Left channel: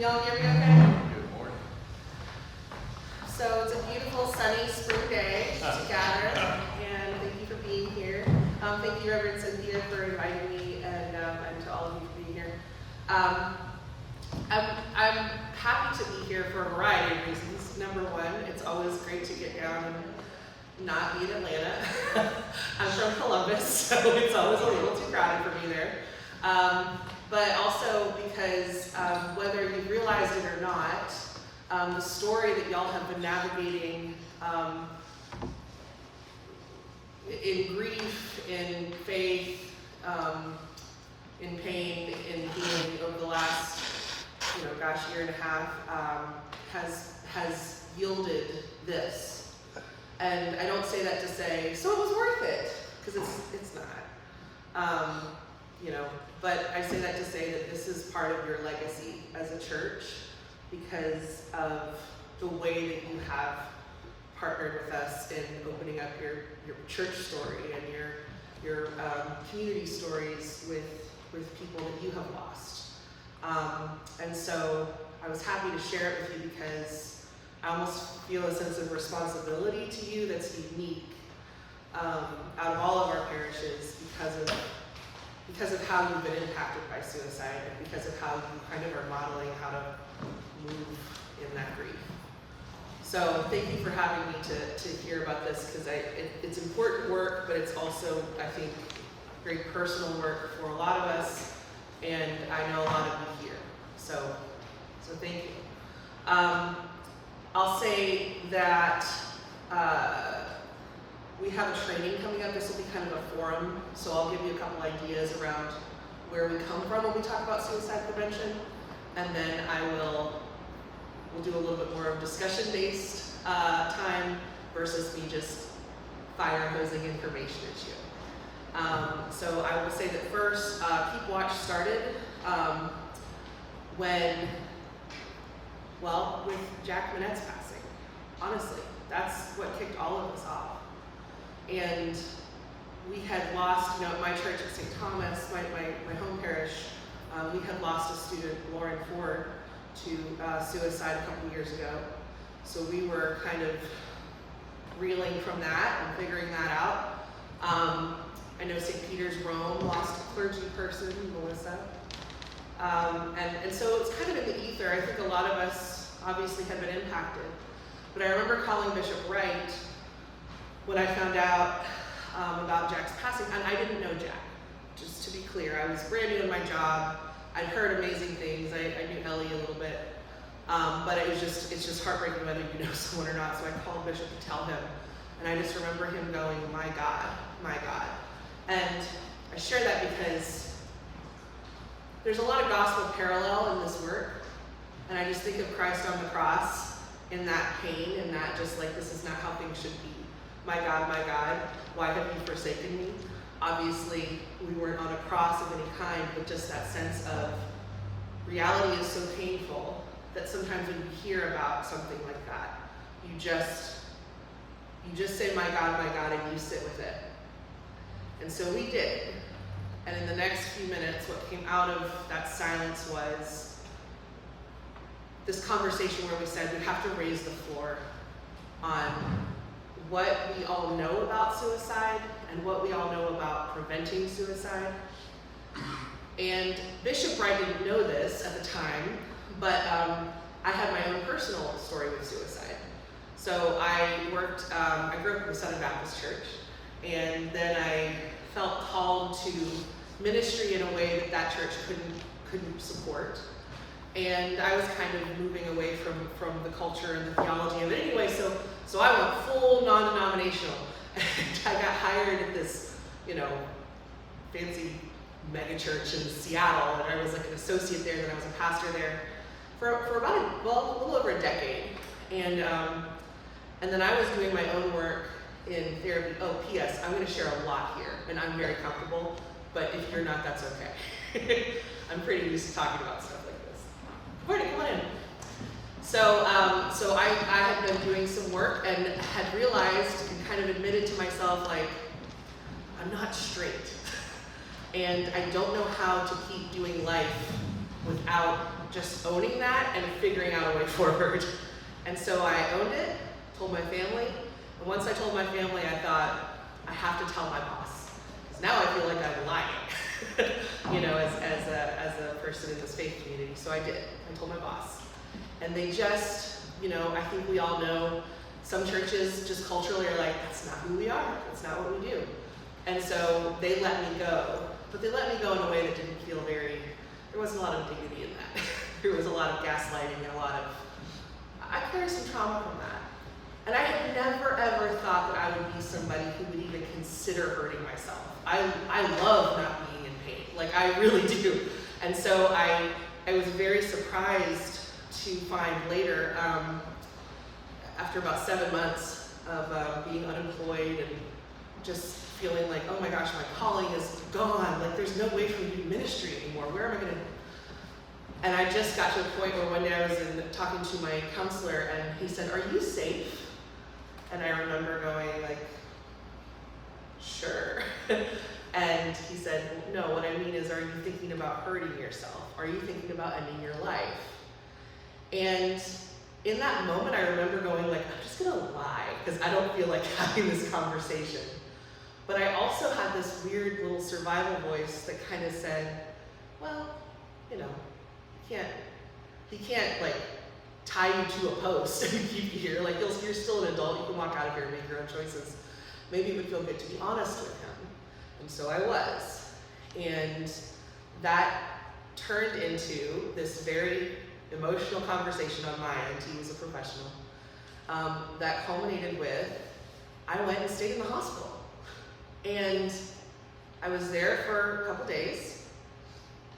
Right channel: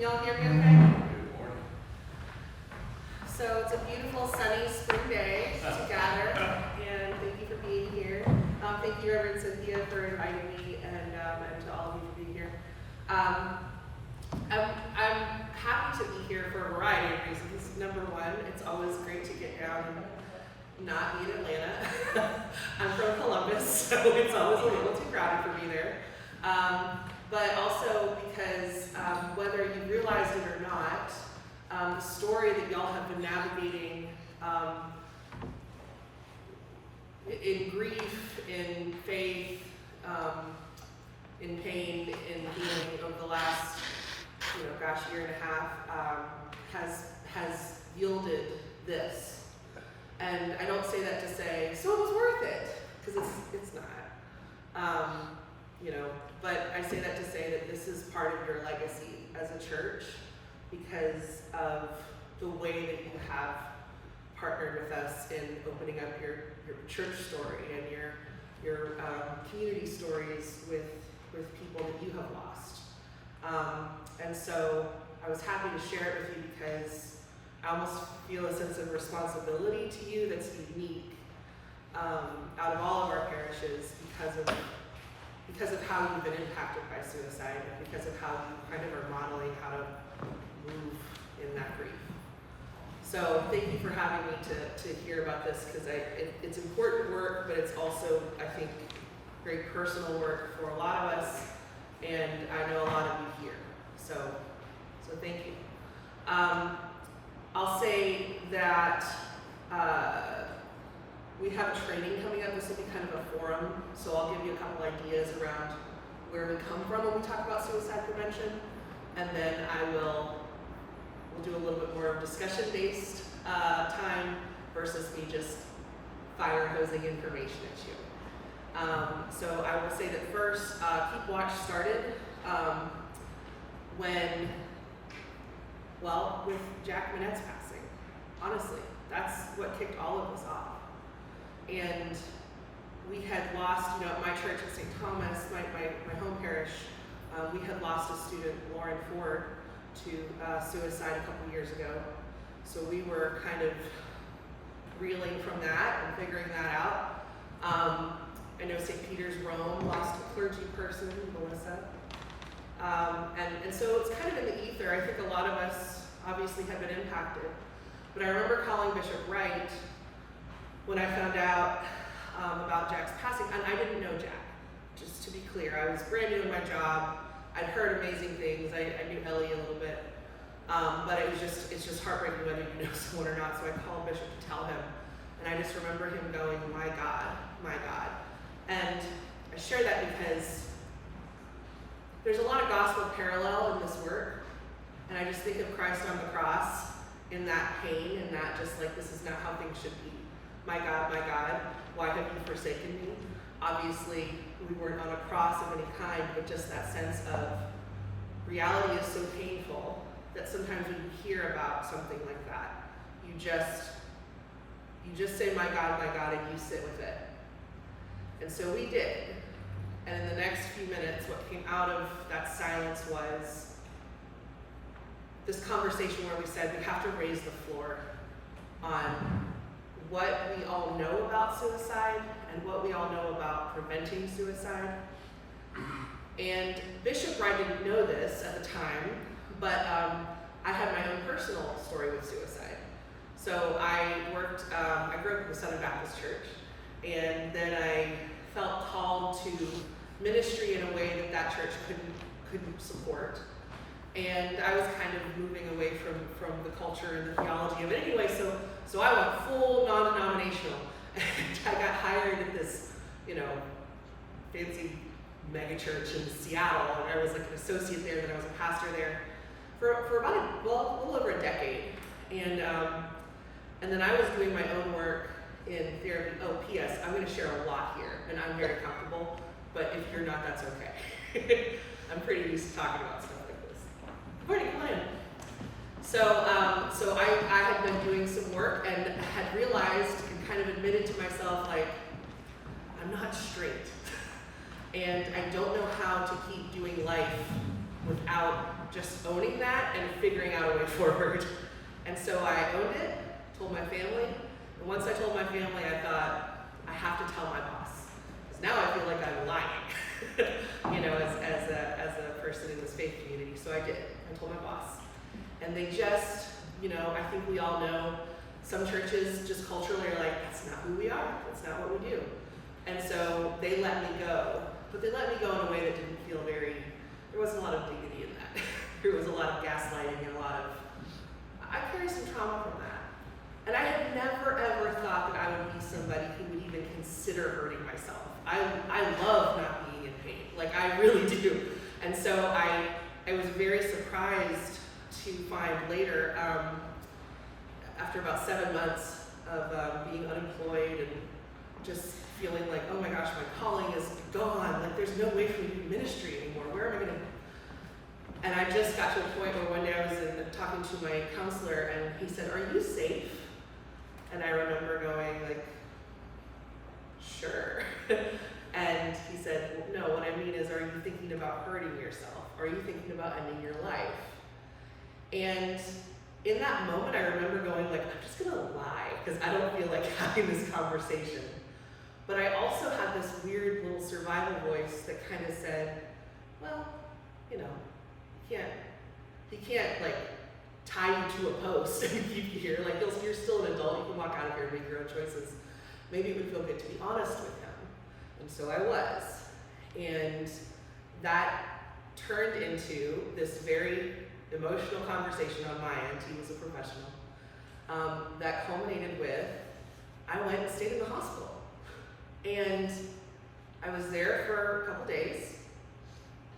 Can y'all hear me okay? So it's a beautiful sunny spring day to gather, and thank you for being here. Thank you, Reverend Cynthia, for inviting me, and to all of you for being here. I'm happy to be here for a variety of reasons. Number one, it's always great to get down and not be in Atlanta. I'm from Columbus, so it's always a little too crowded for me there. But also because whether you realized it or not, the story that y'all have been navigating in grief, in faith, in pain, in healing over the last, year and a half, has yielded this. And I don't say that to say, so it was worth it, because it's not. But I say that to say that this is part of your legacy as a church because of the way that you have partnered with us in opening up your church story and your community stories with people that you have lost. And so I was happy to share it with you because I almost feel a sense of responsibility to you that's unique out of all of our parishes because of how you've been impacted by suicide and because of how you kind of are modeling how to move in that grief. So thank you for having me to hear about this because it's important work, but it's also, I think, very personal work for a lot of us, and I know a lot of you here. So thank you. I'll say that we have a training coming up. This will be kind of a forum, so I'll give you a couple ideas around where we come from when we talk about suicide prevention, and then we'll do a little bit more of discussion-based time versus me just fire-hosing information at you. So I will say that first, Keep Watch started with Jack Manette's passing. Honestly, that's what kicked all of us off. And we had lost, my church at St. Thomas, my home parish, we had lost a student, Lauren Ford, to suicide a couple years ago. So we were kind of reeling from that and figuring that out. I know St. Peter's Rome lost a clergy person, Melissa. And so it's kind of in the ether. I think a lot of us obviously have been impacted. But I remember calling Bishop Wright when I found out about Jack's passing, and I didn't know Jack, just to be clear. I was brand new in my job. I'd heard amazing things. I knew Ellie a little bit, but it's just heartbreaking whether you know someone or not. So I called Bishop to tell him, and I just remember him going, my God, my God. And I share that because there's a lot of gospel parallel in this work, and I just think of Christ on the cross in that pain, and that just like, this is not how things should be. My God, why have you forsaken me? Obviously, we weren't on a cross of any kind, but just that sense of reality is so painful that sometimes when you hear about something like that, you just say, my God, and you sit with it. And so we did. And in the next few minutes, what came out of that silence was this conversation where we said we have to raise the floor on what we all know about suicide and what we all know about preventing suicide. And Bishop Wright didn't know this at the time, but I had my own personal story with suicide. So I grew up in the Southern Baptist Church, and then I felt called to ministry in a way that church couldn't support. And I was kind of moving away from the culture and the theology of it anyway, so I went full non-denominational. I got hired at this, fancy mega church in Seattle, and I was like an associate there, and I was a pastor there for about a little over a decade. And then I was doing my own work in therapy. Oh, P.S. I'm going to share a lot here, and I'm very comfortable, but if you're not, that's okay. I'm pretty used to talking about stuff like this. Courtney, come on in. So I had been doing some work and had realized and kind of admitted to myself, like, I'm not straight. And I don't know how to keep doing life without just owning that and figuring out a way forward. And so I owned it, told my family, and once I told my family, I thought, I have to tell my boss. Because now I feel like I'm lying, you know, as a person in this faith community. So I did. I told my boss. And they just, you know, I think we all know some churches just culturally are like, that's not who we are. That's not what we do. And so they let me go. But they let me go in a way that didn't feel very, there wasn't a lot of dignity in that. There was a lot of gaslighting and a lot of, I carry some trauma from that. And I had never ever thought that I would be somebody who would even consider hurting myself. I love not being in pain, like I really do. And so I was very surprised to find later, after about 7 months of being unemployed and just feeling like, oh my gosh, my calling is gone, like there's no way for me to do ministry anymore, where am I gonna? And I just got to a point where one day I was talking to my counselor and he said, are you safe? And I remember going like, sure. And he said, no, what I mean is, are you thinking about hurting yourself? Are you thinking about ending your life? And in that moment, I remember going like, I'm just gonna lie, because I don't feel like having this conversation. But I also had this weird little survival voice that kind of said, well, you know, he can't like tie you to a post and keep you here. Like, you're still an adult, you can walk out of here and make your own choices. Maybe it would feel good to be honest with him. And so I was. And that turned into this very emotional conversation on my end. He was a professional. That culminated with, I went and stayed in the hospital. And I was there for a couple days.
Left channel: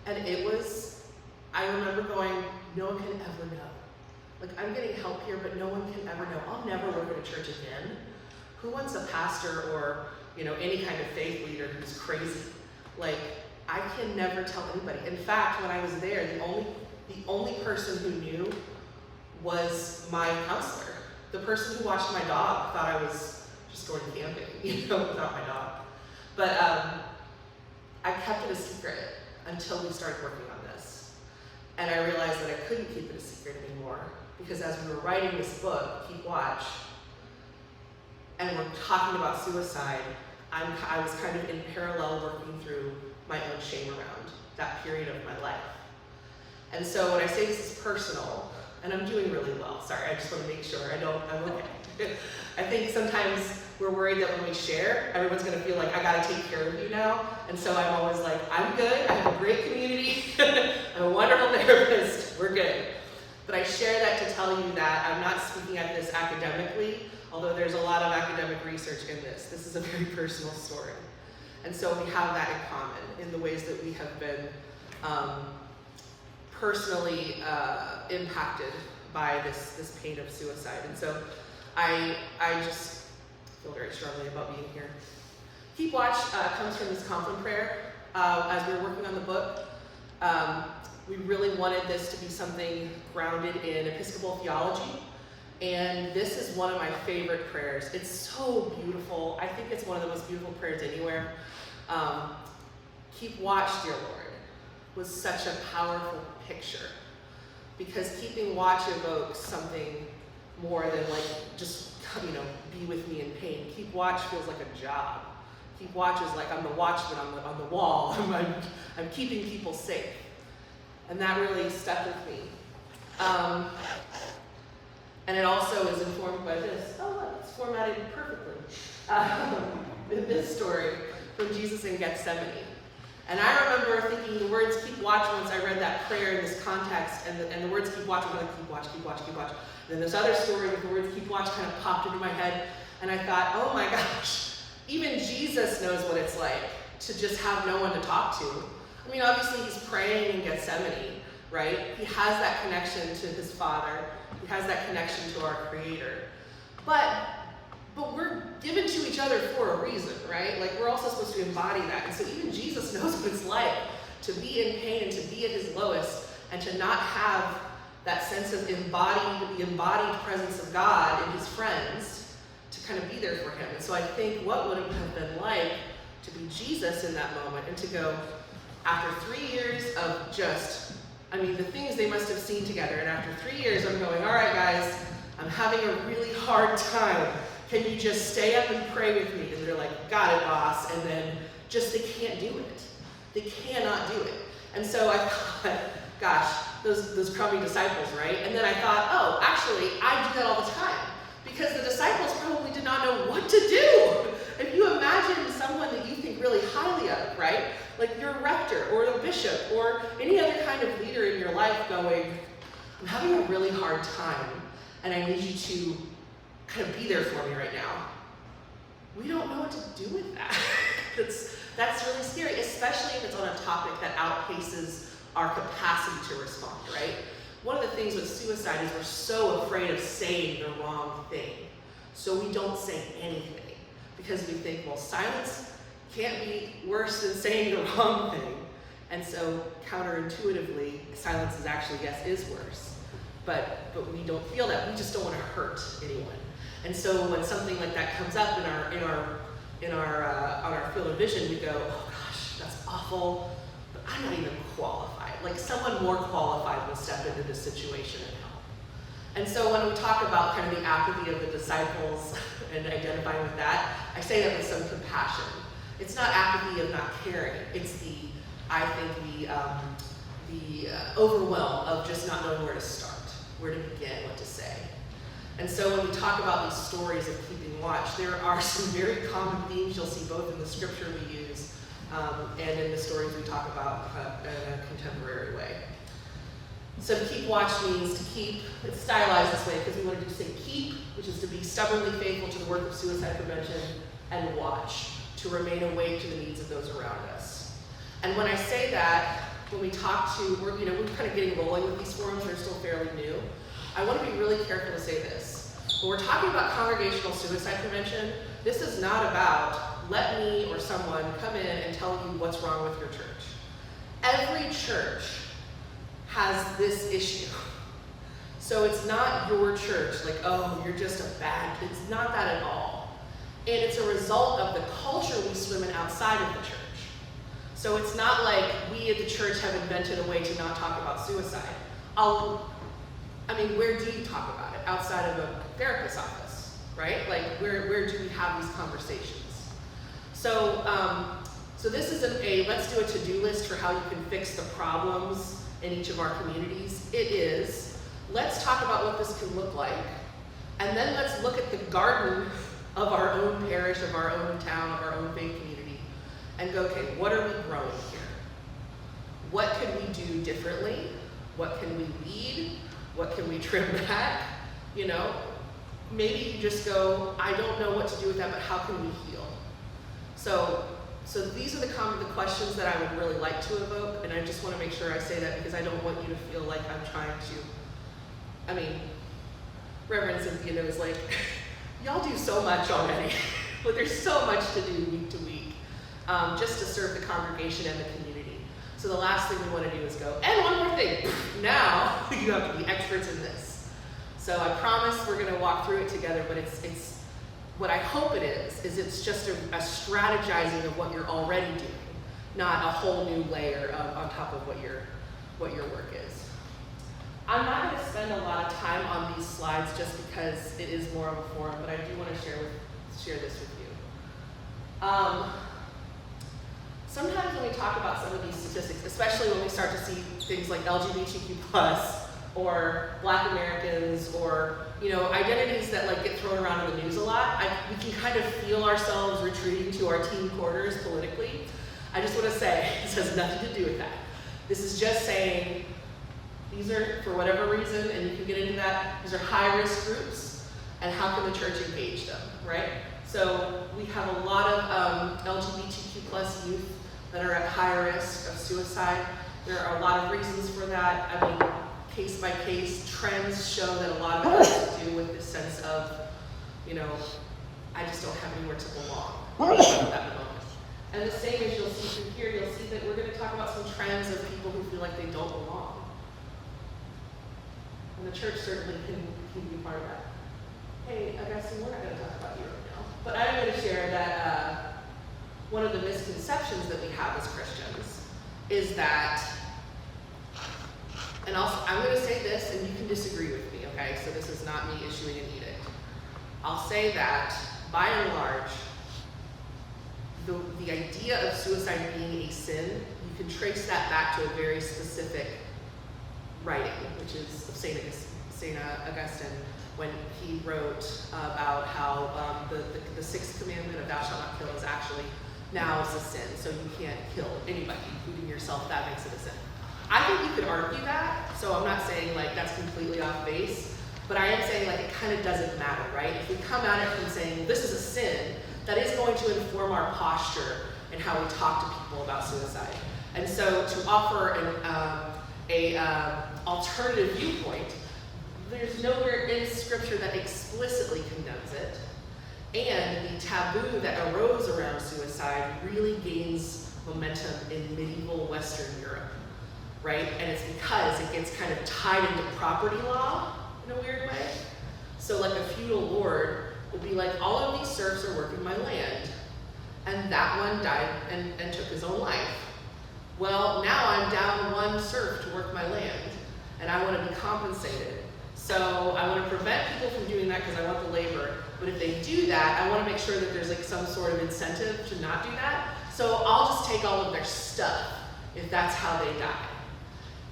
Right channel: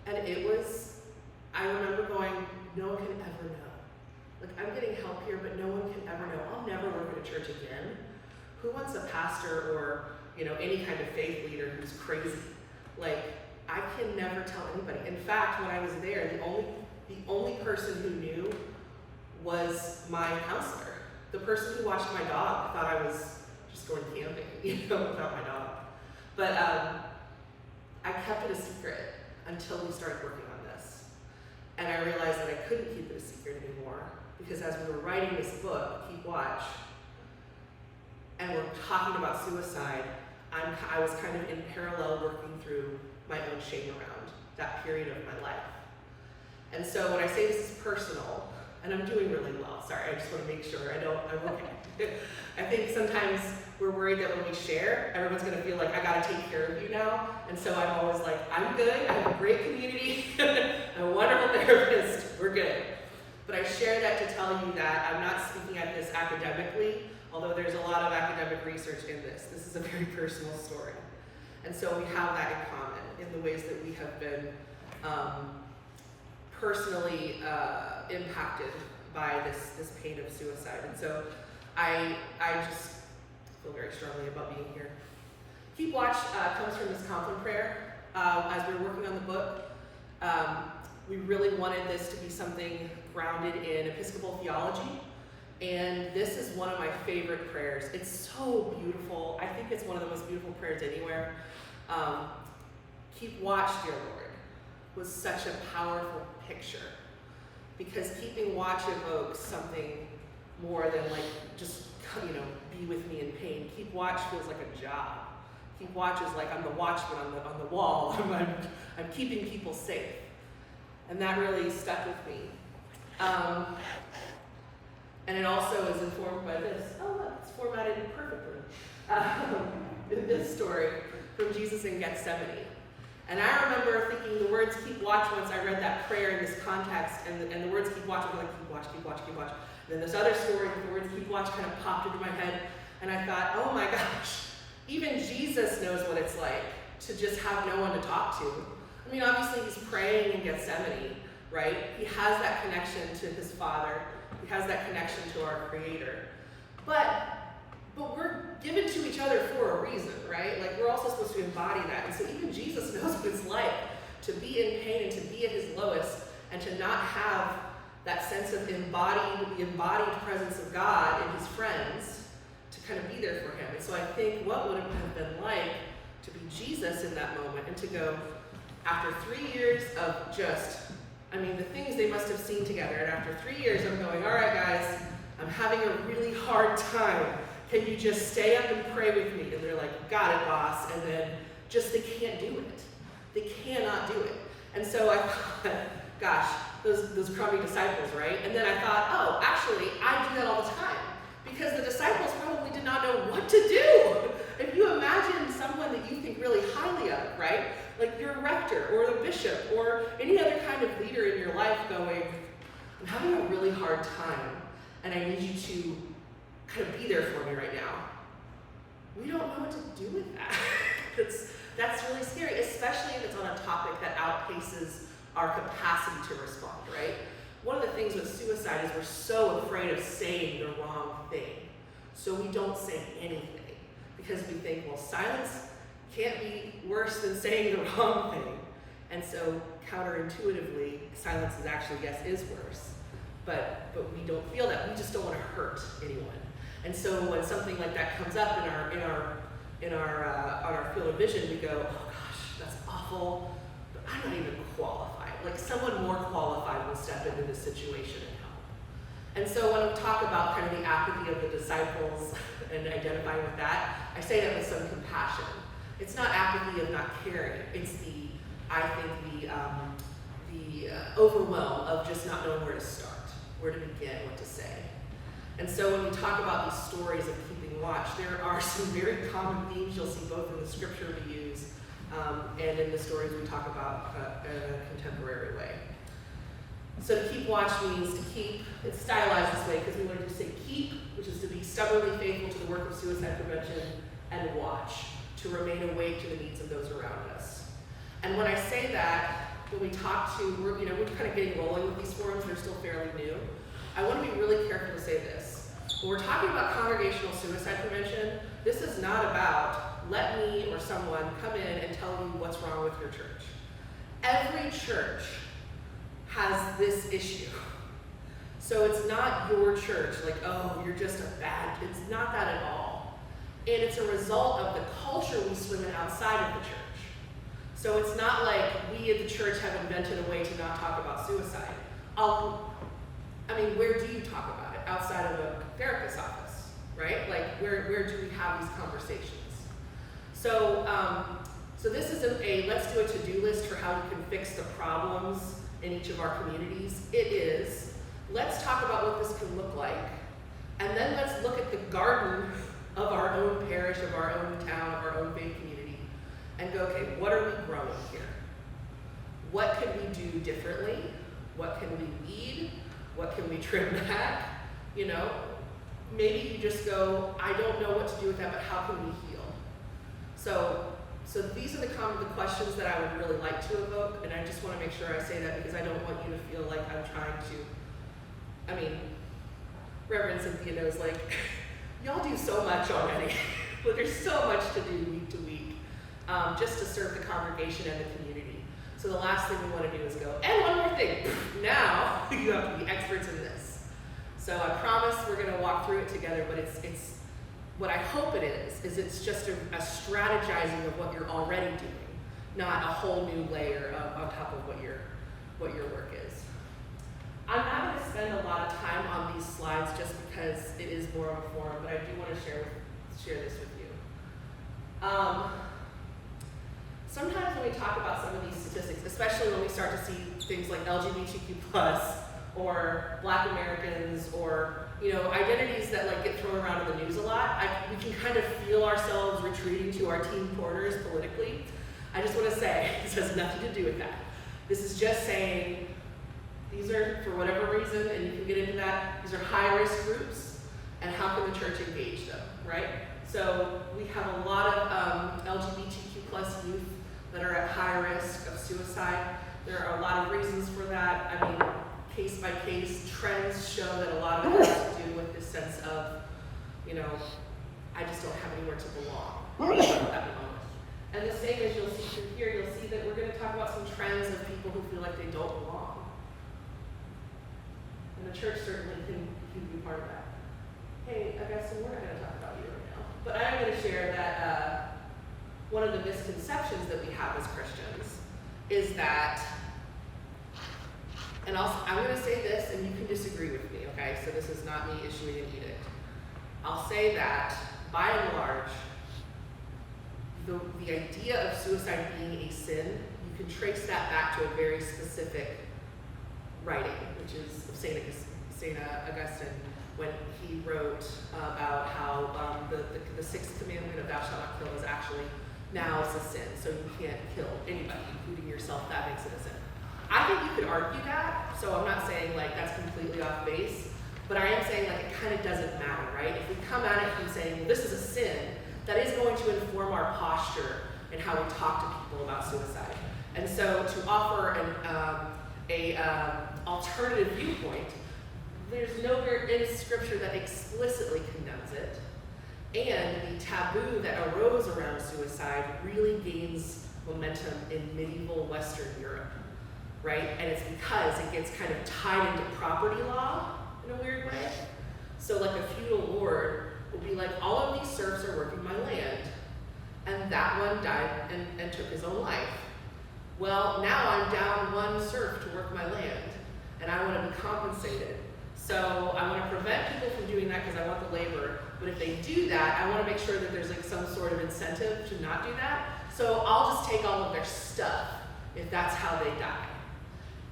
And it was, I remember going, no one can ever know. Like, I'm getting help here, but no one can ever know. I'll never work at a church again. Who wants a pastor or, you know, any kind of faith leader who's crazy? Like, I can never tell anybody. In fact, when I was there, the only person who knew was my counselor. The person who watched my dog thought I was just going camping, you know, without my dog. But I kept it a secret until we started working on this. And I realized that I couldn't keep it a secret anymore, because as we were writing this book, Keep Watch, and we're talking about suicide, I was kind of in parallel working through my own shame around that period of my life. And so when I say this is personal, and I'm doing really well, sorry, I just want to make sure I'm okay. I think sometimes we're worried that when we share, everyone's going to feel like, I got to take care of you now. And so I'm always like, I'm good, I have a great community, I'm a wonderful therapist, we're good. But I share that to tell you that I'm not speaking at this academically, although there's a lot of academic research in this. This is a very personal story. And so we have that in common in the ways that we have been personally impacted by this pain of suicide. And so I just feel very strongly about being here. Keep Watch comes from this Compline prayer. As we were working on the book, we really wanted this to be something grounded in Episcopal theology. And this is one of my favorite prayers. It's so beautiful. I think it's one of the most beautiful prayers anywhere. Keep watch, dear Lord, was such a powerful picture, because keeping watch evokes something more than like just, you know, be with me in pain. Keep watch feels like a job. Keep watch is like I'm the watchman on the wall. I'm keeping people safe. And that really stuck with me. And it also is informed by this. Oh, look, it's formatted perfectly. In this story from Jesus in Gethsemane. And I remember thinking the words keep watch once I read that prayer in this context, and the words keep watch, I'm like, keep watch, keep watch, keep watch. And then this other story with the words keep watch kind of popped into my head, and I thought, oh my gosh, even Jesus knows what it's like to just have no one to talk to. I mean, obviously he's praying in Gethsemane, right? He has that connection to his Father. He has that connection to our Creator. But we're given to each other for a reason, right? Like, we're also supposed to embody that. And so even Jesus knows what it's like to be in pain and to be at his lowest and to not have that sense of the embodied presence of God in his friends to kind of be there for him. And so I think what would it have been like to be Jesus in that moment and to go, after 3 years of just I mean, the things they must have seen together. And after 3 years, I'm going, all right, guys, I'm having a really hard time. Can you just stay up and pray with me? And they're like, got it, boss. And then just, they can't do it. They cannot do it. And so I thought, gosh, those crummy disciples, right? And then I thought, oh, actually, I do that all the time. Because the disciples probably did not know what to do. If you imagine someone that you think really highly of, right? Like your rector or a bishop or any other kind of leader in your life going, I'm having a really hard time and I need you to kind of be there for me right now. We don't know what to do with that. That's really scary, especially if it's on a topic that outpaces our capacity to respond, right? One of the things with suicide is we're so afraid of saying the wrong thing. So we don't say anything because we think, well, silence can't be worse than saying the wrong thing. And so counterintuitively, silence is actually, yes, is worse. But we don't feel that. We just don't want to hurt anyone. And so when something like that comes up on our field of vision, we go, oh gosh, that's awful, but I'm not even qualified. Like someone more qualified will step into this situation and help. And so when we talk about kind of the apathy of the disciples and identifying with that, I say that with some compassion. It's not apathy of not caring. It's the overwhelm of just not knowing where to start, where to begin, what to say. And so when we talk about these stories of keeping watch, there are some very common themes you'll see both in the scripture we use and in the stories we talk about in a contemporary way. So to keep watch means to keep, it's stylized this way because we want to say keep, which is to be stubbornly faithful to the work of suicide prevention, and watch, to remain awake to the needs of those around us. And when I say that, when we talk to, we're kind of getting rolling with these forums, they're still fairly new. I want to be really careful to say this. When we're talking about congregational suicide prevention, this is not about let me or someone come in and tell you what's wrong with your church. Every church has this issue. So it's not your church, like, oh, you're just a bad, it's not that at all. And it's a result of the culture we swim in outside of the church. So it's not like we at the church have invented a way to not talk about suicide. Where do you talk about it? Outside of a therapist's office, right? Like, where do we have these conversations? So this isn't a, let's do a to-do list for how we can fix the problems in each of our communities. It is, let's talk about what this can look like, and then let's look at the garden of our own parish, of our own town, of our own faith community, and go, okay, what are we growing here? What can we do differently? What can we weed? What can we trim back? Maybe you just go, I don't know what to do with that, but how can we heal? So these are the questions that I would really like to evoke, and I just want to make sure I say that because I don't want you to feel like I'm trying to, Reverend Cynthia knows, like, y'all do so much already. But there's so much to do week to week, just to serve the congregation and the community. So the last thing we want to do is go, and one more thing, now you have to be experts in this. So I promise we're going to walk through it together, but it's what I hope it is it's just a strategizing of what you're already doing, not a whole new layer on top of what your work is. I'm not going to spend a lot of time on these slides just because it is more of a forum, but I do want to share this with you. Sometimes when we talk about some of these statistics, especially when we start to see things like LGBTQ+, or Black Americans, or identities that get thrown around in the news a lot, we can kind of feel ourselves retreating to our team quarters politically. I just want to say, this has nothing to do with that. This is just saying, these are, for whatever reason, and you can get into that, these are high-risk groups, and how can the church engage them, right? So we have a lot of LGBTQ+ youth that are at high risk of suicide. There are a lot of reasons for that. Case by case, trends show that a lot of it has to do with this sense of, I just don't have anywhere to belong at the moment. And the same as you'll see through here, you'll see that we're going to talk about some trends of people who feel like they don't belong. And the church certainly can be part of that. Hey, Augustine, we're not going to talk about you right now. But I'm going to share that one of the misconceptions that we have as Christians is that And I'm going to say this, and you can disagree with me, okay? So this is not me issuing an edict. I'll say that, by and large, the idea of suicide being a sin, you can trace that back to a very specific writing, which is of St. Augustine, when he wrote about how the sixth commandment of thou shalt not kill is actually now is a sin, so you can't kill anybody, including yourself. That makes it a sin. I think you could argue that, so I'm not saying like that's completely off base, but I am saying like it kind of doesn't matter, right? If we come at it from saying this is a sin, that is going to inform our posture and how we talk to people about suicide. And so to offer an alternative viewpoint, there's nowhere in Scripture that explicitly condemns it. And the taboo that arose around suicide really gains momentum in medieval Western Europe, right? And it's because it gets kind of tied into property law in a weird way. So like a feudal lord would be like, all of these serfs are working my land, and that one died and took his own life. Well, now I'm down one serf to work my land, and I want to be compensated. So I want to prevent people from doing that because I want the labor. But if they do that, I want to make sure that there's like some sort of incentive to not do that. So I'll just take all of their stuff if that's how they die.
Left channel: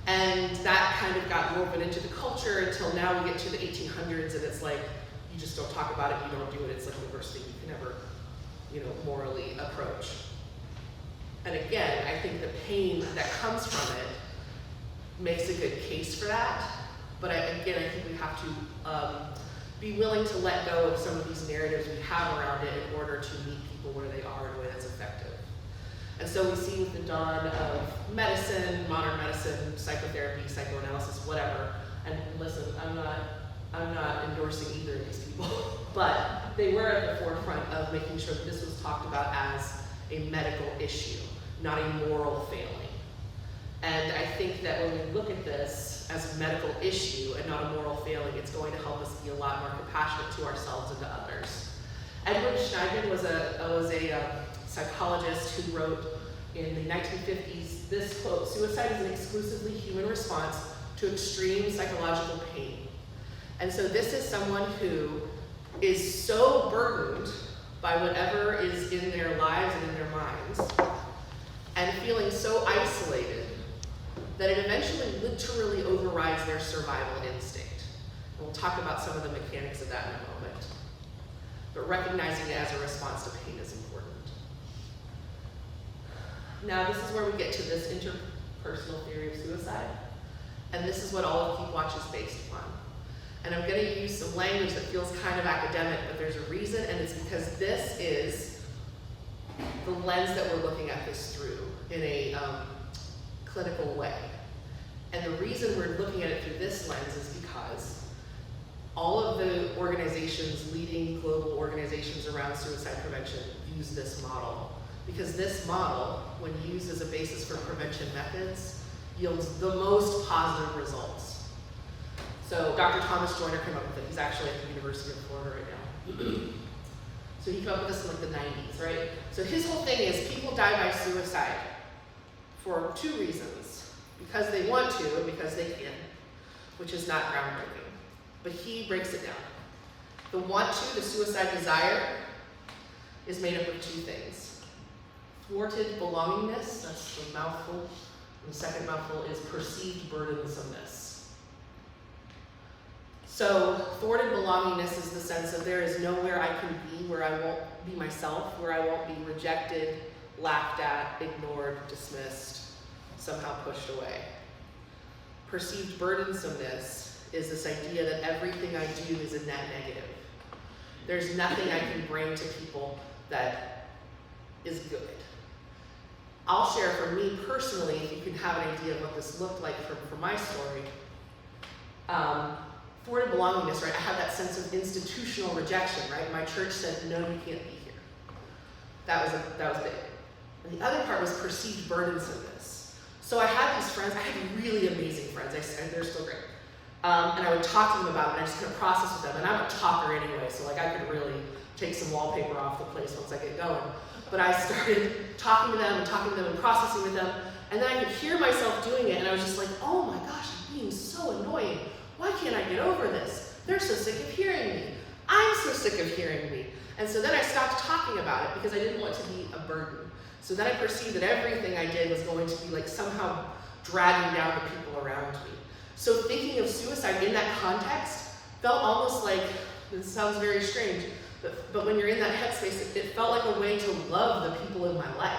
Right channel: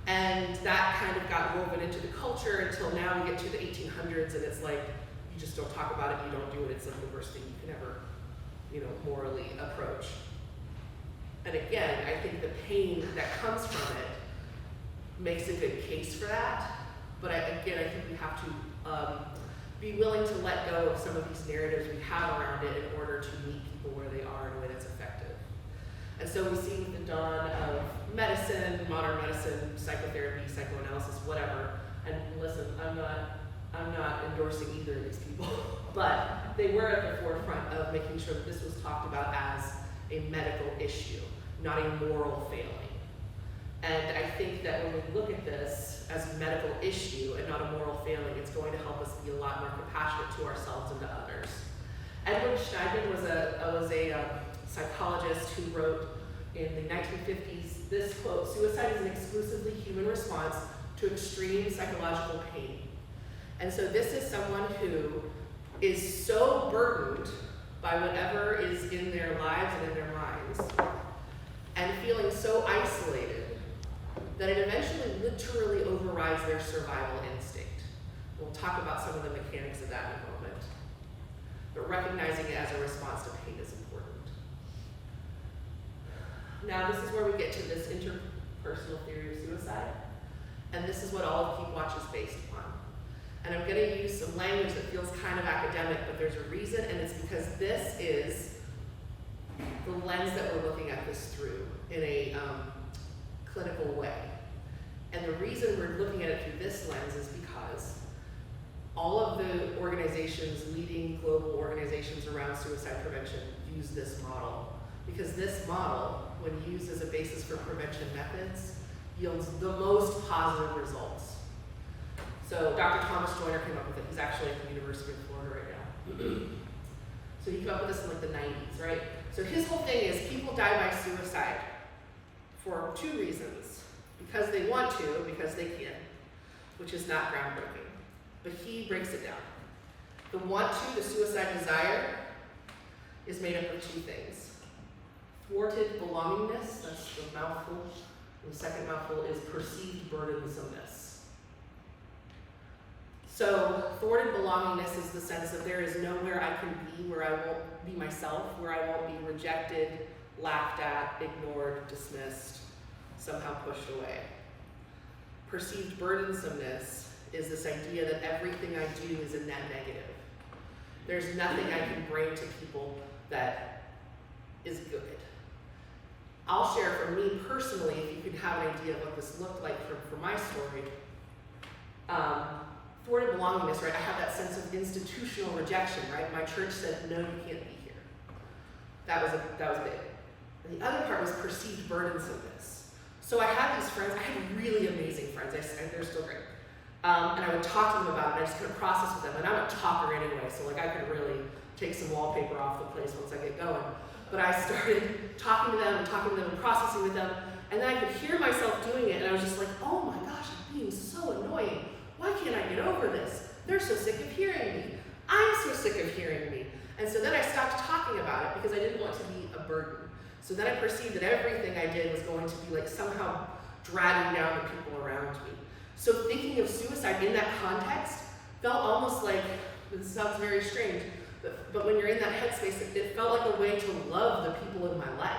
And that kind of got woven into the culture until now we get to the 1800s, and it's like, you just don't talk about it, you don't do it. It's like the worst thing you can ever, morally approach. And again, I think the pain that comes from it makes a good case for that. But again, I think we have to be willing to let go of some of these narratives we have around it in order to meet people where they are in a way that's effective. And so we see with the dawn of medicine, modern medicine, psychotherapy, psychoanalysis, whatever. And listen, I'm not endorsing either of these people, but they were at the forefront of making sure that this was talked about as a medical issue, not a moral failing. And I think that when we look at this as a medical issue and not a moral failing, it's going to help us be a lot more compassionate to ourselves and to others. Edward Schneidman was a psychologist who wrote in the 1950s this quote, "Suicide is an exclusively human response to extreme psychological pain." And so this is someone who is so burdened by whatever is in their lives and in their minds, and feeling so isolated that it eventually literally overrides their survival instinct. And we'll talk about some of the mechanics of that in a moment. But recognizing it as a response to pain is important. Now, this is where we get to this interpersonal theory of suicide. And this is what all of Keep Watch is based upon. And I'm going to use some language that feels kind of academic, but there's a reason, and it's because this is the lens that we're looking at this through in a clinical way. And the reason we're looking at it through this lens is because all of the organizations, leading global organizations around suicide prevention, use this model. Because this model, when used as a basis for prevention methods, yields the most positive results. So Dr. Thomas Joyner came up with it. He's actually at the University of Florida right now. So he came up with this in like the 90s, right? So his whole thing is people die by suicide for two reasons. Because they want to, or because they can, which is not groundbreaking. But he breaks it down. The want to, the suicide desire, is made up of two things. Thwarted belongingness, that's the mouthful. And the second mouthful is perceived burdensomeness. So thwarted belongingness is the sense of there is nowhere I can be where I won't be myself, where I won't be rejected, laughed at, ignored, dismissed, somehow pushed away. Perceived burdensomeness is this idea that everything I do is a net negative. There's nothing I can bring to people that is good. I'll share from me personally, if you can have an idea of what this looked like for my story. Thwarted belongingness, right? I have that sense of institutional rejection, right? My church said, no, you can't be here. That was big. And the other part was perceived burdensomeness. So I had these friends, I had really amazing friends, they're still great. And I would talk to them about it, and I just couldn't process with them. And I'm a talker anyway, so like I could really take some wallpaper off the place once I get going. But I started talking to them and processing with them, and then I could hear myself doing it, and I was just like, oh my gosh, I've being so annoying. Why can't I get over this? They're so sick of hearing me. I'm so sick of hearing me. And so then I stopped talking about it because I didn't want to be a burden. So then I perceived that everything I did was going to be like somehow dragging down the people around me. So thinking of suicide in that context felt almost like, this sounds very strange, but when you're in that headspace, it felt like a way to love the people in my life.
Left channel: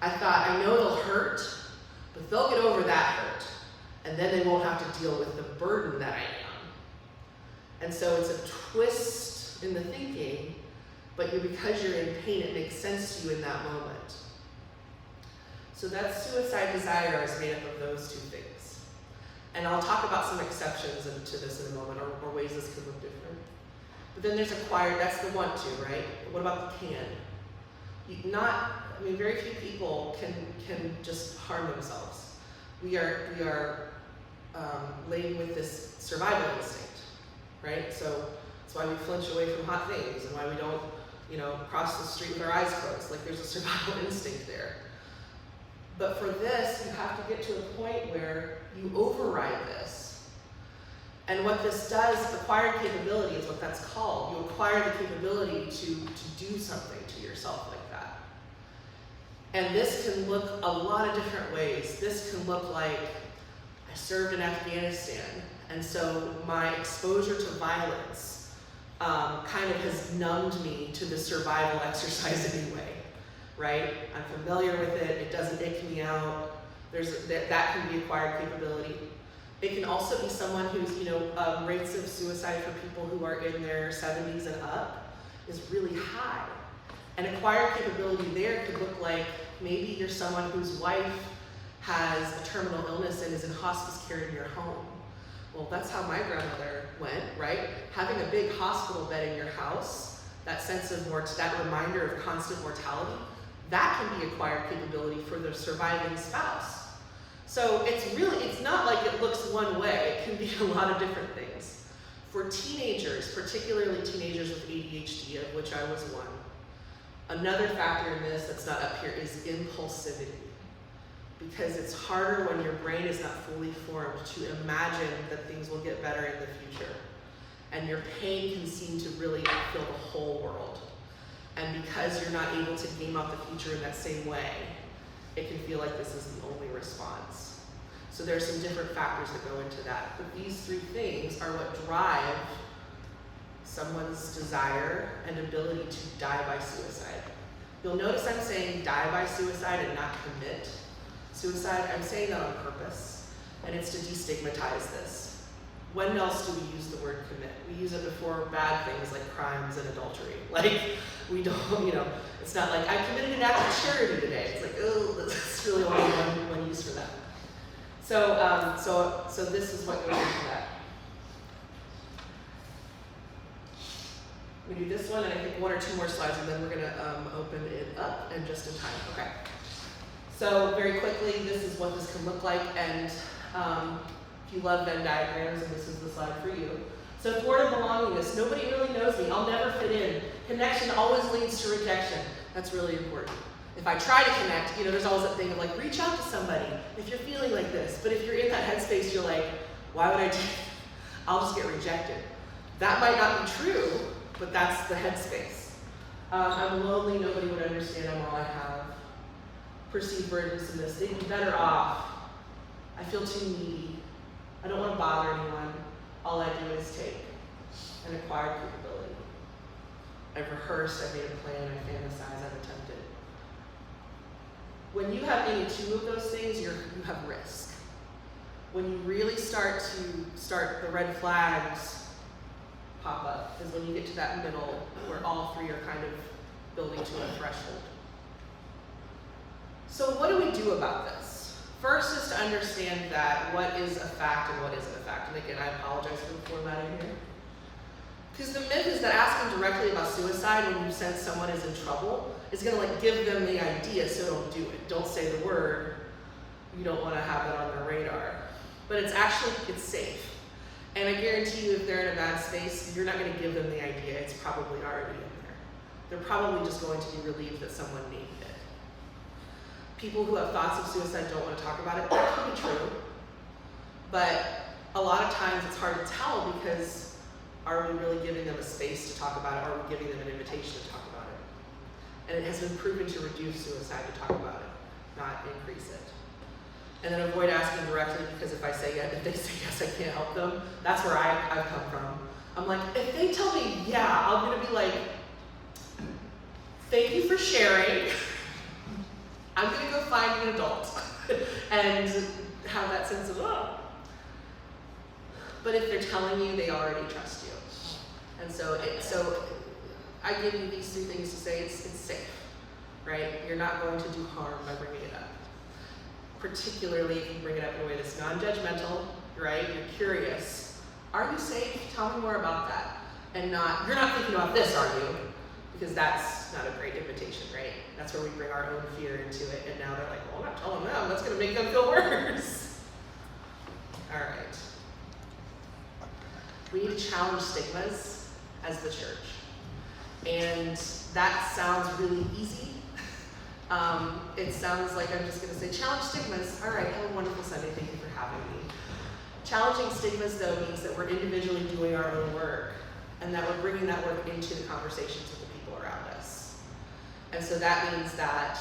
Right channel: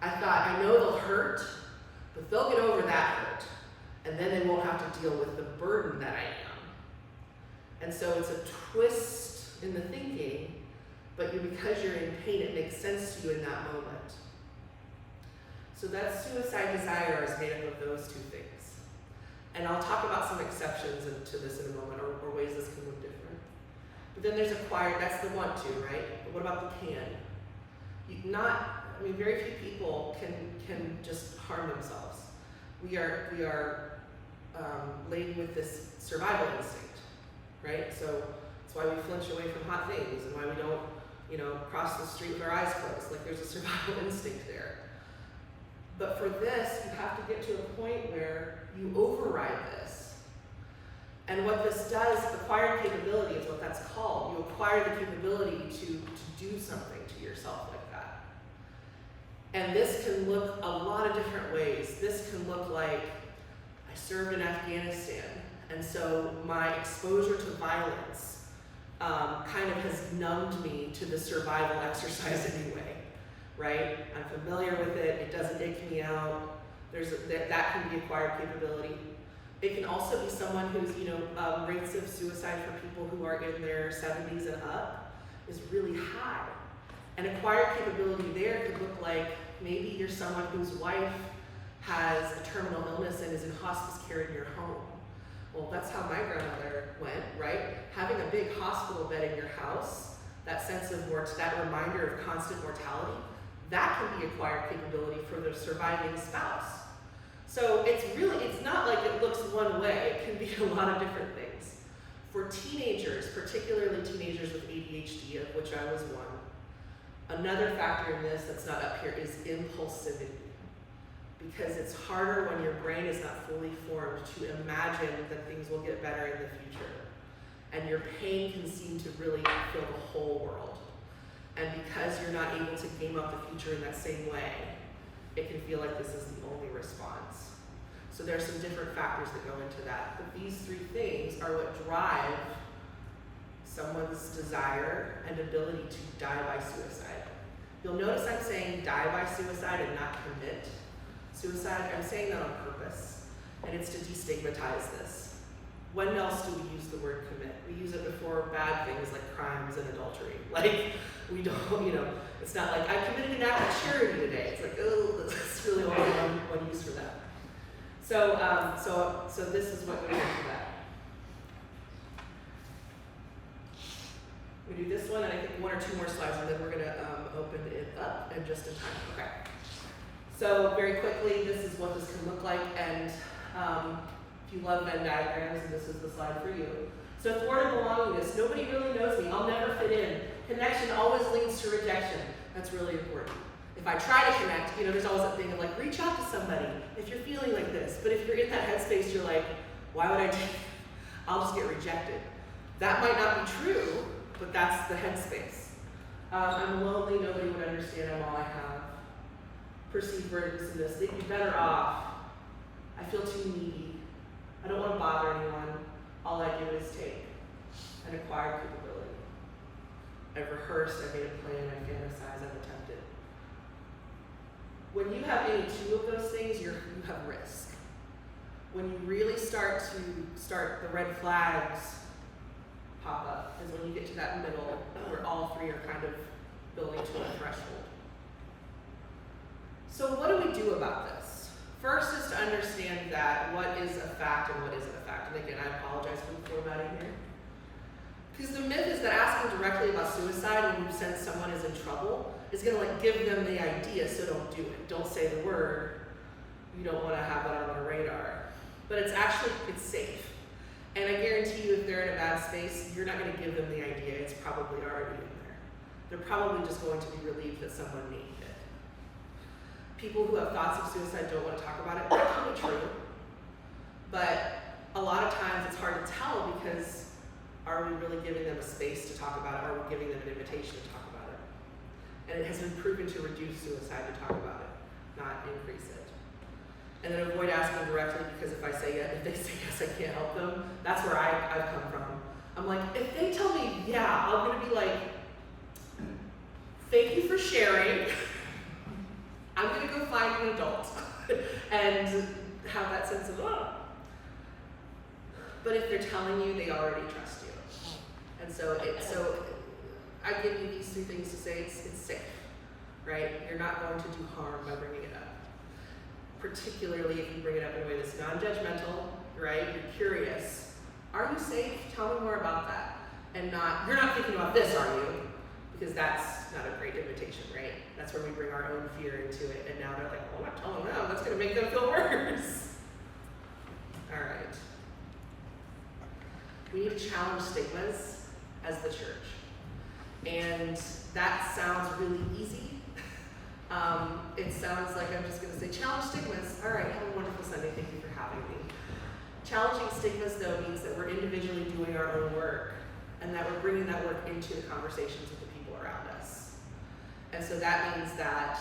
I thought, I know they'll hurt, but they'll get over that hurt, and then they won't have to deal with the burden that I am. And so it's a twist in the thinking, but because you're in pain, it makes sense to you in that moment. So that suicide desire is made up of those two things. And I'll talk about some exceptions to this in a moment, or ways this can look different. But then there's acquired, that's the want to, right? But what about the can? Very few people can just harm themselves. We are laden with this survival instinct, right? So that's why we flinch away from hot things, and why we don't, cross the street with our eyes closed. Like, there's a survival instinct there. But for this, you have to get to a point where you override this. And what this does, acquired capability is what that's called. You acquire the capability to do something to yourself like that. And this can look a lot of different ways. This can look like, I served in Afghanistan, and so my exposure to violence kind of has numbed me to the survival exercise anyway, right? I'm familiar with it, it doesn't take me out. That can be acquired capability. It can also be someone who's, rates of suicide for people who are in their 70s and up is really high. And acquired capability there could look like maybe you're someone whose wife has a terminal illness and is in hospice care in your home. Well, that's how my grandmother went, right? Having a big hospital bed in your house, that sense of that reminder of constant mortality, that can be acquired capability for the surviving spouse. So it's not like it looks one way. It can be a lot of different things. For teenagers, particularly teenagers with ADHD, of which I was one, another factor in this that's not up here is impulsivity. Because it's harder when your brain is not fully formed to imagine that things will get better in the future. And your pain can seem to really fill the whole world. And because you're not able to game out the future in that same way, it can feel like this is the only response. So there are some different factors that go into that. But these three things are what drive someone's desire and ability to die by suicide. You'll notice I'm saying die by suicide and not commit suicide. I'm saying that on purpose, and it's to destigmatize this. When else do we use the word commit? We use it before bad things like crimes and adultery. Like, we don't, it's not like, I committed an act of charity today. It's like, oh, that's really only one use for that. So this is what goes into that. We do this one, and I think one or two more slides, and then we're going to open it up in just in time. Okay. So very quickly, this is what this can look like, and if you love Venn diagrams, and this is the slide for you. So toward belongingness, nobody really knows me. I'll never fit in. Connection always leads to rejection. That's really important. If I try to connect, there's always that thing of like, reach out to somebody if you're feeling like this. But if you're in that headspace, you're like, why would I do it? I'll just get rejected. That might not be true, but that's the headspace. I'm lonely, nobody would understand, I'm all I have. Perceived burdensomeness, they'd be better off. I feel too needy. I don't want to bother anyone. All I do is take an acquired capability. I've rehearsed, I've made a plan, I've fantasized, I've attempted. When you have any two of those things, you have risk. When you really start the red flags pop up is when you get to that middle where all three are kind of building to a threshold. So what do we do about this? First is to understand that what is a fact and what isn't a fact. And again, I apologize for the formatting here. Because the myth is that asking directly about suicide when you sense someone is in trouble is going to give them the idea, so don't do it. Don't say the word. You don't want to have that on their radar. But it's safe. And I guarantee you if they're in a bad space, you're not going to give them the idea. It's probably already in there. They're probably just going to be relieved that someone named it. People who have thoughts of suicide don't want to talk about it. That can be true. But a lot of times it's hard to tell because are we really giving them a space to talk about it? Or are we giving them an invitation to talk about it? And it has been proven to reduce suicide to talk about it, not increase it. And then avoid asking directly, because if I say yes, if they say yes, I can't help them. That's where I've come from. I'm like, if they tell me yeah, I'm gonna be like, thank you for sharing. I'm gonna go find an adult and have that sense of love. But if they're telling you, they already trust you. And so I give you these two things to say it's safe, right? You're not going to do harm by bringing it up. Particularly if you bring it up in a way that's non-judgmental, right? You're curious. Are you safe? Tell me more about that. And not, you're not thinking about this, are you? Because that's not a great invitation, right? That's where we bring our own fear into it. And now they're like, well, I'm not telling them. That's going to make them feel worse. All right. We need to challenge stigmas as the church. And that sounds really easy. It sounds like I'm just going to say, challenge stigmas. All right, have a wonderful Sunday. Thank you for having me. Challenging stigmas, though, means that we're individually doing our own work and that we're bringing that work into the conversations with the people around us. And so that means that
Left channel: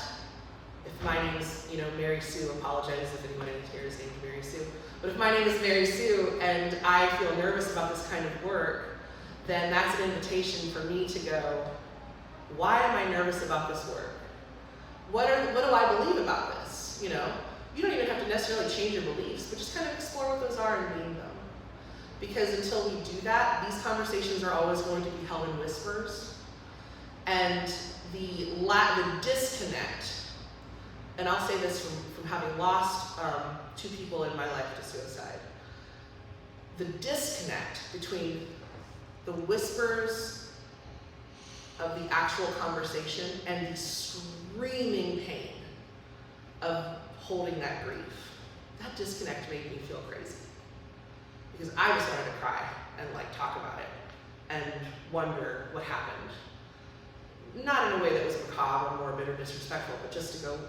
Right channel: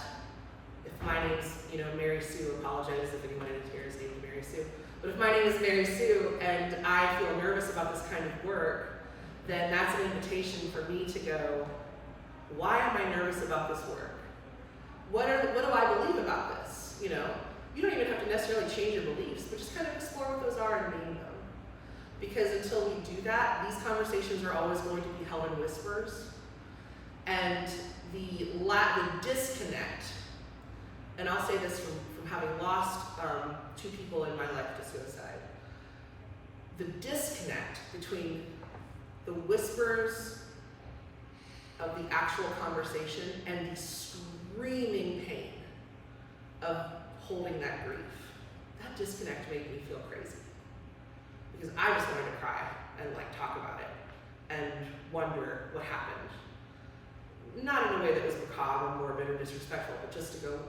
if my name's, Mary Sue, apologize if anyone here is named Mary Sue, but if my name is Mary Sue and I feel nervous about this kind of work, then that's an invitation for me to go, why am I nervous about this work? What do I believe about this? You don't even have to necessarily change your beliefs, but just kind of explore what those are and name them. Because until we do that, these conversations are always going to be held in whispers. And the disconnect, and I'll say this from having lost 2 people in my life to suicide, the disconnect between the whispers of the actual conversation and the screaming pain of holding that grief, that disconnect made me feel crazy. Because I just wanted to cry and talk about it and wonder what happened. Not in a way that was macabre or morbid or disrespectful, but just to go,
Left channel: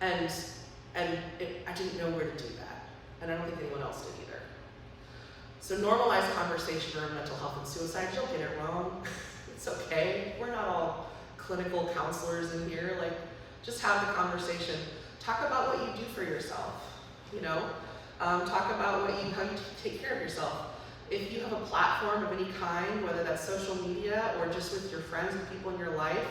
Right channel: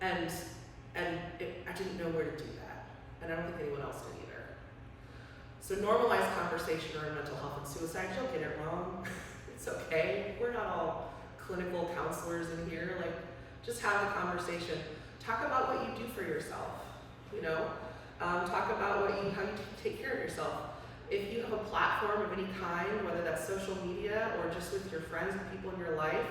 I didn't know where to do that. And I don't think anyone else did either. So normalize conversation around mental health and suicide. Don't get it wrong. It's okay. We're not all clinical counselors in here. Just have the conversation. Talk about what you do for yourself. Talk about how you take care of yourself. If you have a platform of any kind, whether that's social media or just with your friends and people in your life,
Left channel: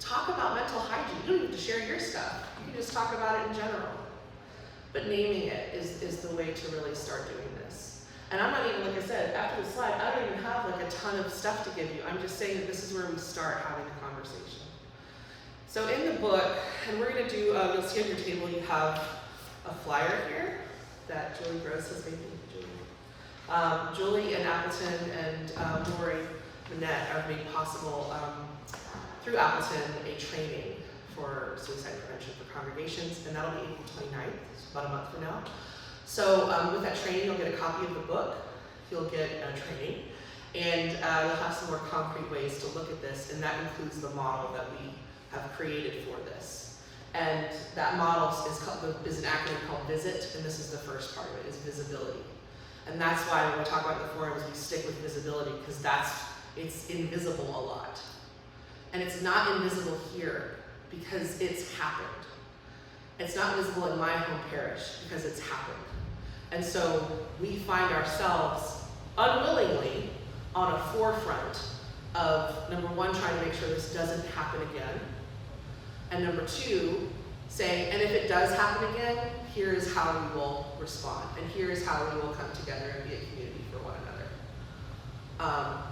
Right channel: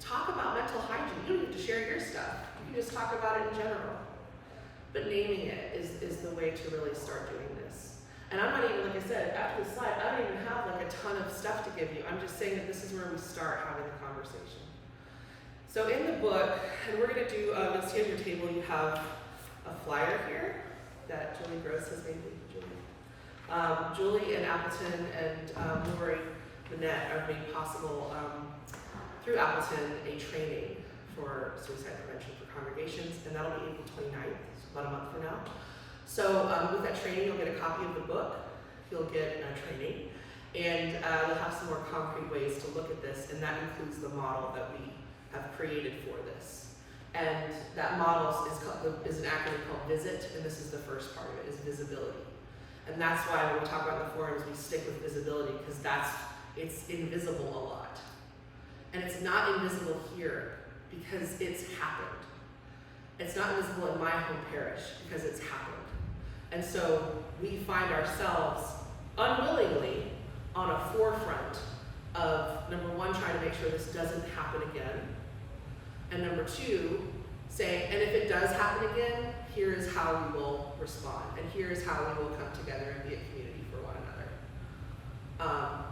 talk about mental hygiene. You don't have to share your stuff. You can just talk about it in general. But naming it is the way to really start doing this. And I'm not even, like I said, after the slide, I don't even have a ton of stuff to give you. I'm just saying that this is where we start having the conversation. So in the book, and we're going to do, you'll see on your table, you have a flyer here that Julie Gross has made. Julie and Appleton and Lori Manette have made possible through Appleton a training for suicide prevention for congregations, and that'll be April 29th, about a month from now. So with that training, you'll get a copy of the book, you'll get a training, and you'll have some more concrete ways to look at this, and that includes the model that we have created for this. And that model is an acronym called VISIT, and this is the first part of it, is visibility. And that's why when we talk about the forums, we stick with visibility, because it's invisible a lot. And it's not invisible here, because it's happened. It's not visible in my home parish, because it's happened. And so we find ourselves unwillingly on a forefront of, number one, trying to make sure this doesn't happen again. And number two, saying, and if it does happen again, here is how we will respond. And here is how we will come together and be a community for one another.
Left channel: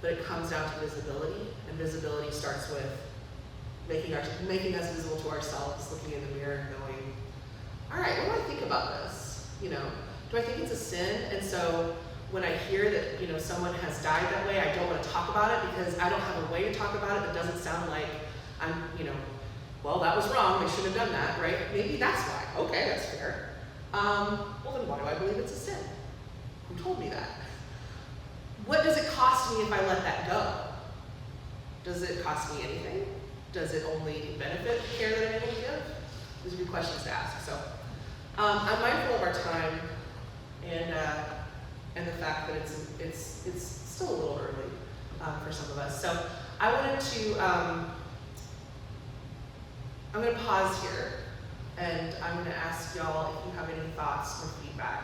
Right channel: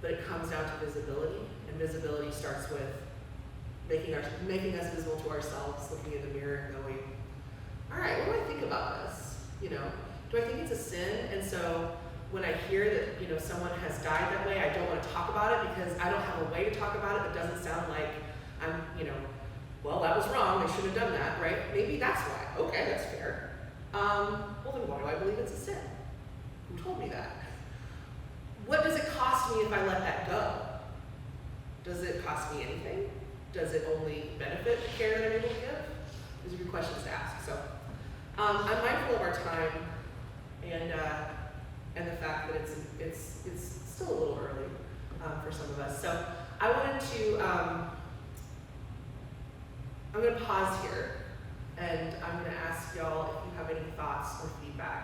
But it comes down to visibility, and visibility starts with making us visible to ourselves, looking in the mirror and going, all right, what do I think about this? Do I think it's a sin? And so when I hear that, someone has died that way, I don't want to talk about it because I don't have a way to talk about it that doesn't sound like I'm, well, that was wrong, they shouldn't have done that, right? Maybe that's why. Okay, that's fair. Well, then why do I believe it's a sin? Who told me that? What does it cost me if I let that go? Does it cost me anything? Does it only benefit the care that I'm able to give? These are good questions to ask. So I'm mindful of our and the fact that it's still a little early for some of us. So I wanted to, I'm going to pause here, and I'm going to ask y'all if you have any thoughts or feedback,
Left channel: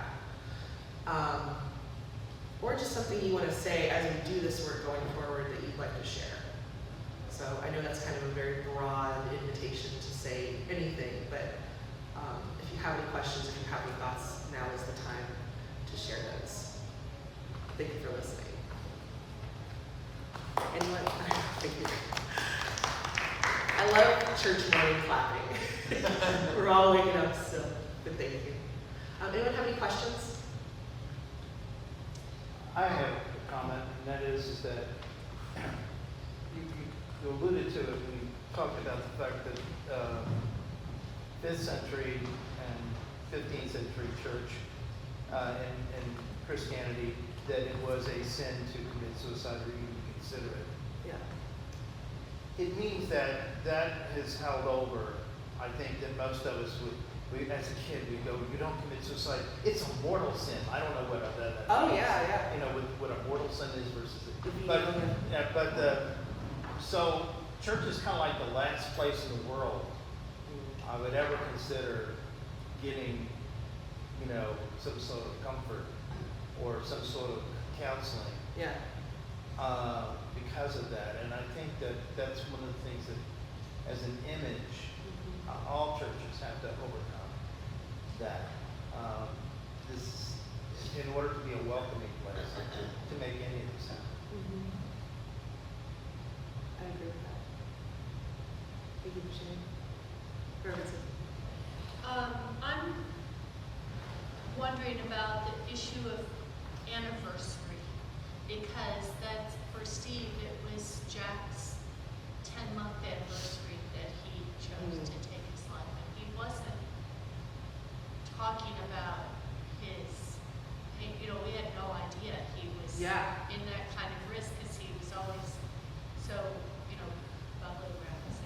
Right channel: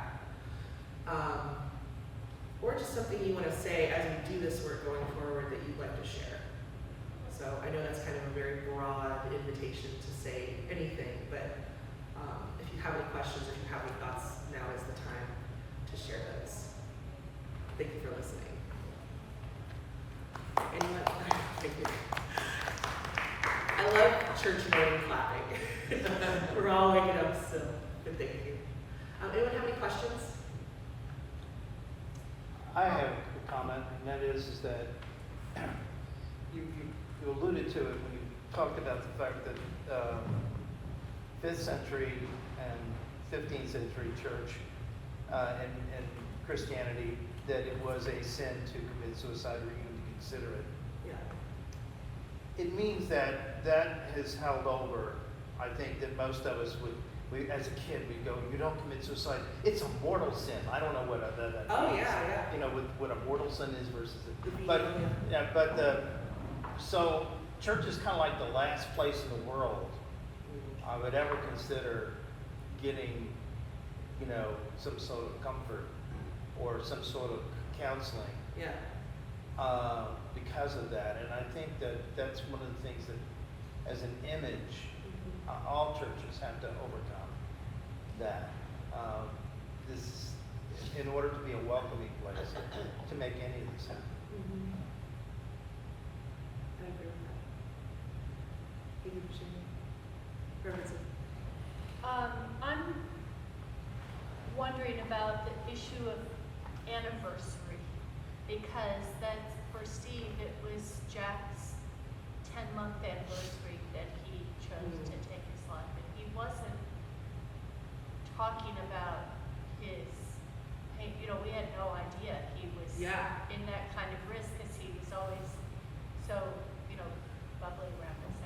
or just something you want to say as we do this work going forward that you'd like to share. So I know that's kind of a very broad invitation to say anything, but if you have any questions, if you have any thoughts, now is the time to share those. Thank you for listening. Anyone? Thank you. I love church morning clapping. We're all waking up, so good thank you. Anyone have any questions? I have a comment, and that is that you alluded to it when you talked about the fact that 5th century and 15th century church and Christianity, that it was a sin to commit suicide or even consider it. Yeah. It means that has held over. I think that most of us as a kid, we go, you don't commit suicide. It's a mortal sin. I don't know what that Oh, means. yeah. You know, what a mortal sin is versus so church is kind of like the last place in the world I would ever consider getting, some sort of comfort or some sort of counseling. Yeah. Because of that, and I think that's one of the things that, as an image, all churches have to overcome that. This, in order to be a welcoming place, to make any of this happen. I agree with that. Thank you for sharing. Perfect. I'm wondering about the issue of anniversary, because that's, for Steve, it was Jack's 10-month anniversary that he chose to take his life, and he wasn't talking about his pain. We had no idea he was in that kind of risk, because he was always so, bubbly around us.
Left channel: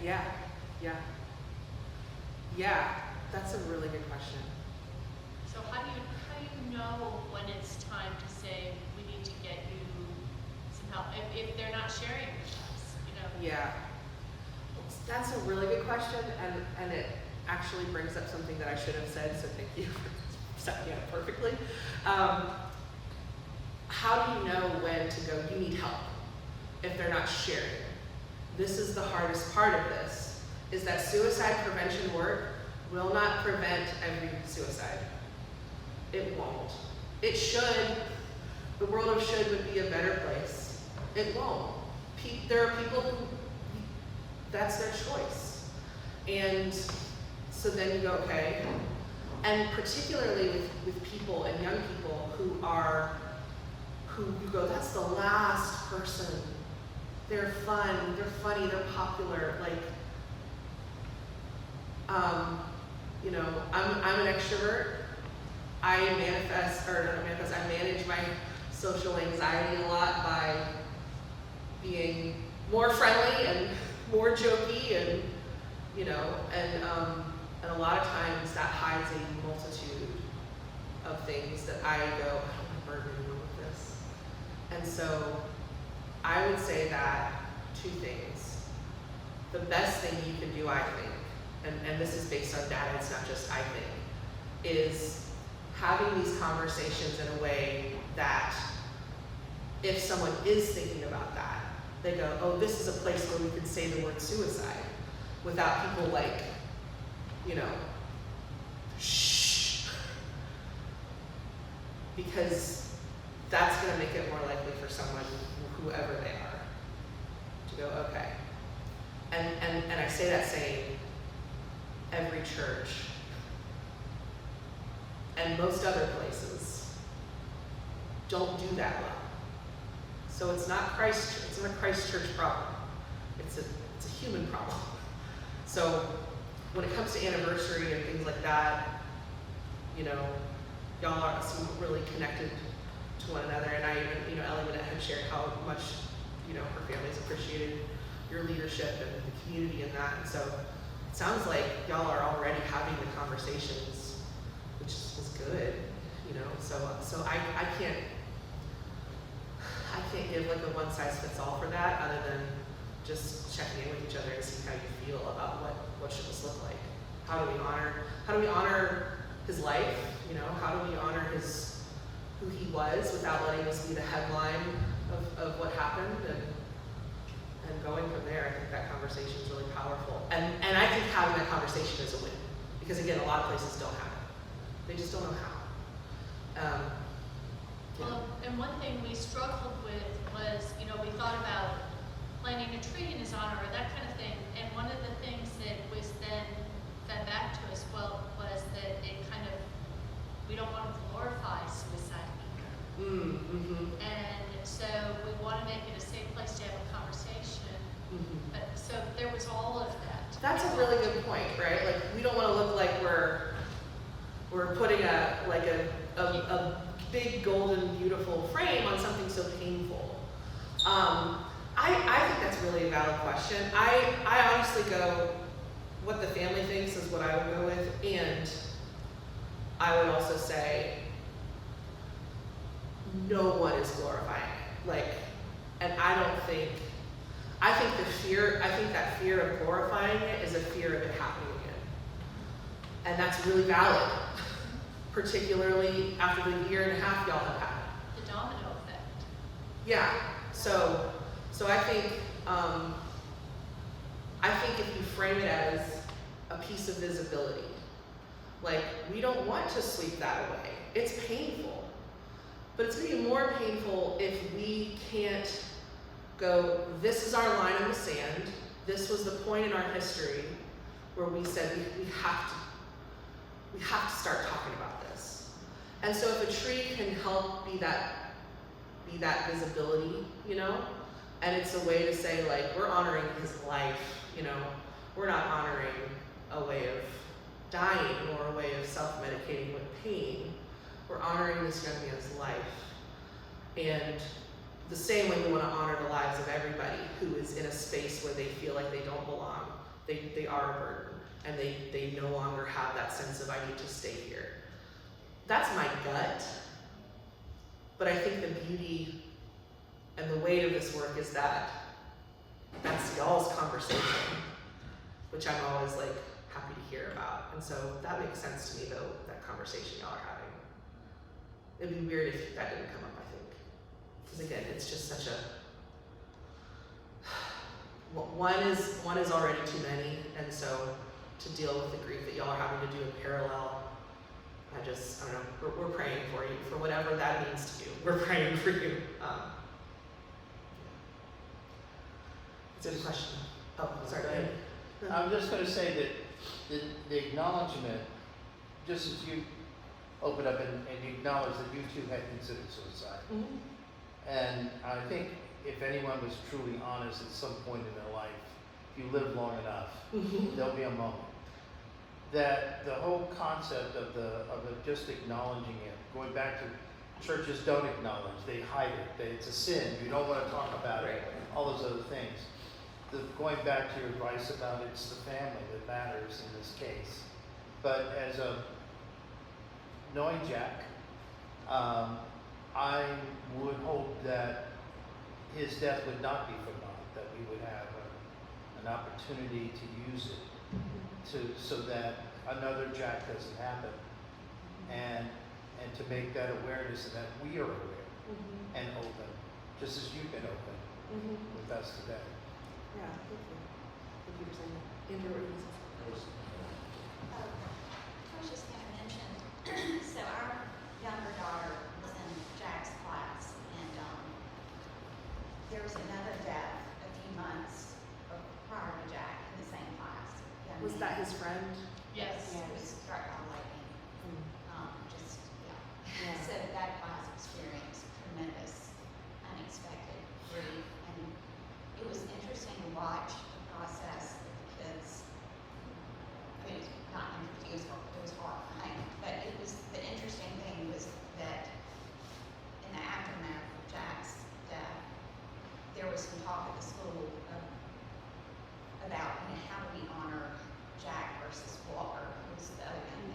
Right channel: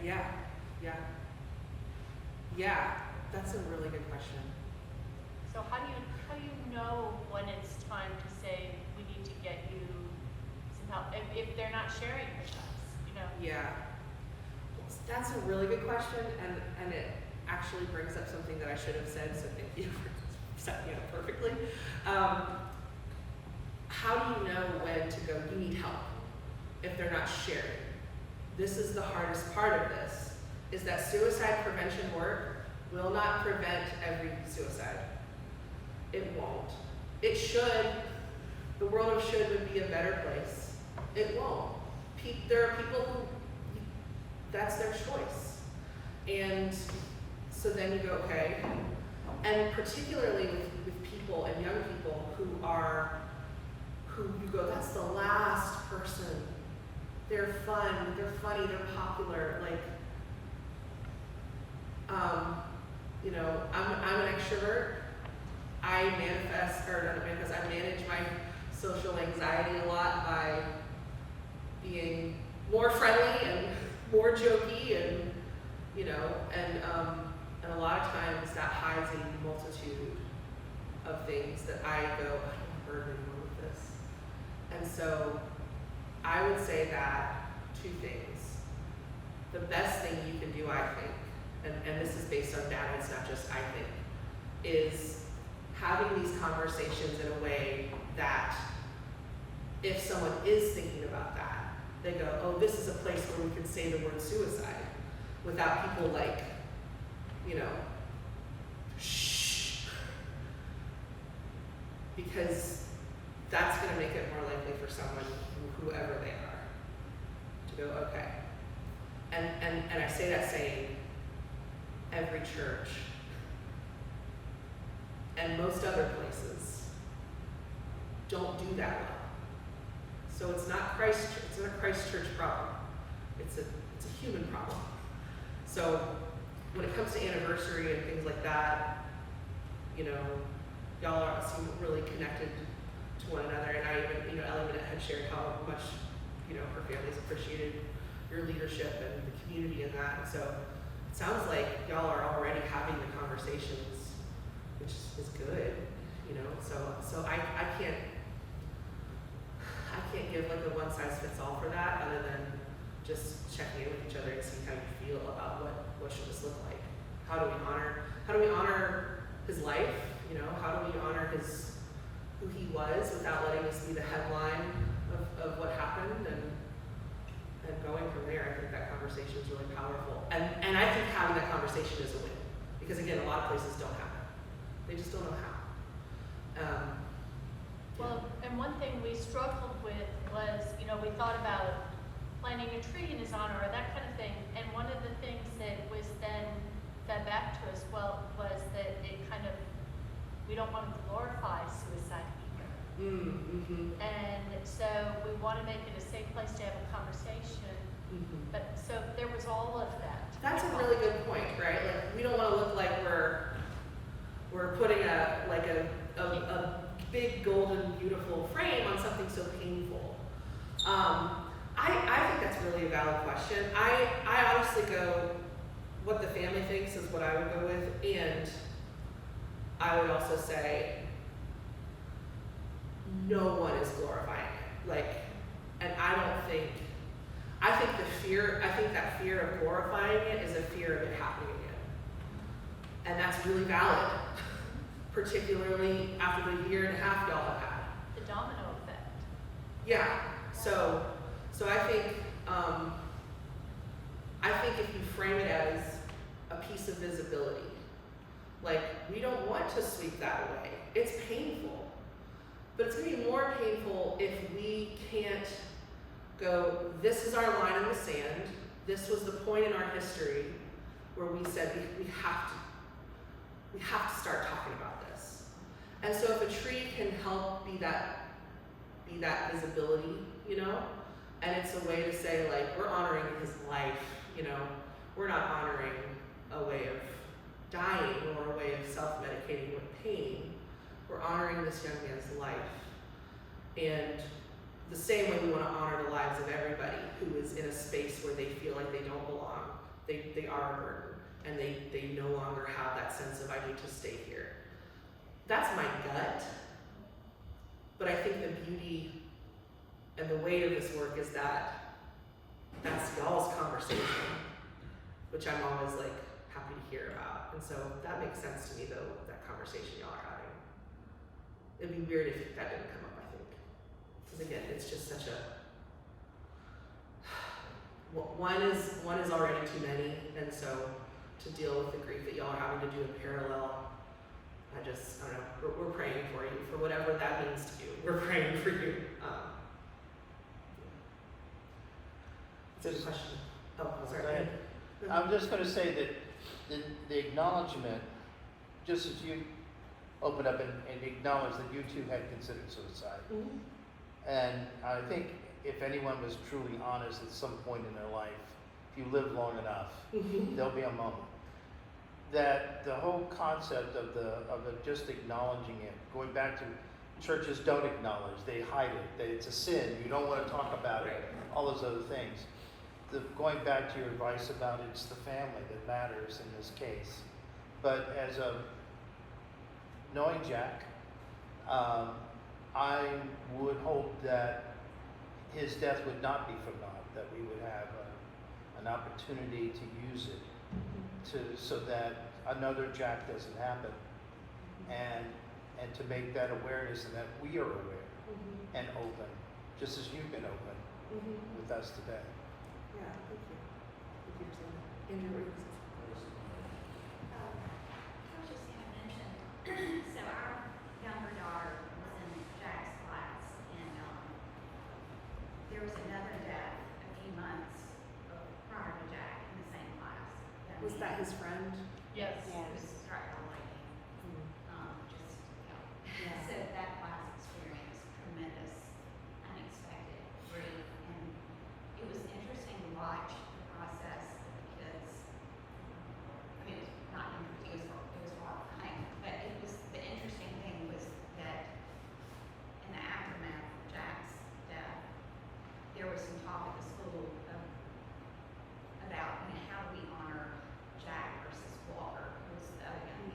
Yeah, that's a really good question. So how do you know when it's time to say we need to get you some help if they're not sharing with us? Yeah, that's a really good question, and it actually brings up something that I should have said. So thank you for setting me up perfectly. How do you know when to go? You need help if they're not sharing. This is the hardest part of this. Is that suicide prevention work will not prevent every suicide. It won't. It should. The world of should would be a better place. It won't. There are people who, that's their choice. And so then you go, okay. And particularly with people and young people who you go, that's the last person. They're fun, they're funny, they're popular, I'm an extrovert. I manage my social anxiety a lot by being more friendly and more jokey and a lot of times that hides a multitude of things that I go, I'm burdened with this. And so I would say that two things. The best thing you can do, I think, and this is based on data, it's not just I think, is having these conversations in a way that if someone is thinking about that, they go, oh, this is a place where we can say the word suicide without people shh. Because that's going to make it more likely for someone, whoever they are, to go, okay. And I say that saying every church and most other places don't do that well. So it's not a Christ Church problem. It's a human problem. So when it comes to anniversary and things like that, y'all are really connected to one another, and I even, Element had shared how much, her family's appreciated your leadership and the community in that. And so it sounds like y'all are already having the conversations, which was good, So I can't give like a one size fits all for that, other than just checking in with each other and see how you feel about what should this look like. How do we honor his life? You know, how do we honor who he was without letting this be the headline of what happened, and going from there. I think that conversation is really powerful, and I think having that conversation is a win, because again, a lot of places don't have it. They just don't know how. Well, and one thing we struggled with was, you know, we thought about planting a tree in his honor or that kind of thing. And one of the things that was then fed back to us, well, was that it kind of, we don't want to glorify suicide. Mm-hmm. And so we want to make it a safe place to have a conversation. Mm-hmm. But so there was all of that. That's a really good point, right? Like, we don't want to look like we're putting a big golden beautiful frame on something so painful. I think that's really a valid question. I honestly go, what the family thinks is what I would go with, and I would also say no one is glorifying it. Like, and I think that fear of glorifying it is a fear of it happening again. And that's really valid, particularly after the year and a half y'all have had. The domino effect. Yeah, so I think if you frame it as a piece of visibility, like, we don't want to sweep that away. It's painful, but it's gonna be more painful if we can't go, this is our line in the sand, this was the point in our history where we said we have to start talking about this. And so if a tree can help be that visibility, you know, and it's a way to say, like, we're honoring his life, you know, we're not honoring a way of dying or a way of self-medicating with pain. We're honoring this young man's life. And the same way we want to honor the lives of everybody who is in a space where they feel like they don't belong. They are a burden, and they no longer have that sense of, I need to stay here. That's my gut. But I think the beauty and the weight of this work is that that's y'all's conversation, which I'm always like happy to hear about. And so that makes sense to me, though, that conversation y'all are having. It'd be weird if that didn't come up, I think. Because again, it's just such a, one is already too many, and so to deal with the grief that y'all are having to do in parallel, I don't know, we're praying for you, for whatever that means to you. We're praying for you. It's a good question. Oh, sorry. I'm just going to say that the acknowledgement, just as you open up and acknowledge that you too had considered suicide. Mm-hmm. And I think if anyone was truly honest at some point in their life, if you live long enough, there'll be a moment that the whole concept of just acknowledging it, going back to churches don't acknowledge, they hide it, that it's a sin, you don't want to talk about it, all those other things. Going back to your advice about it's the family that matters in this case. But as knowing Jack, I would hope that his death would not be for naught, that we would have an opportunity to use it so that another Jack doesn't happen, and to make that awareness, and that we are aware and open, just as you've been open with us today. Yeah, thank you. Thank you for saying that. Andrew, what are you going to say? I was just going to mention, so our younger daughter was in Jack's class, and there was another death a few months prior to Jack in the same class. Was that his friend? Yes. It was struck by lightning. Yeah. So that class experienced tremendous, unexpected grief, and it was interesting to watch the process that the kids. I mean, it was not interesting; it was horrifying. But the interesting thing was that in the aftermath of Jack's death, there was some talk at the school about, how do we honor Jack versus Walker, who was the other young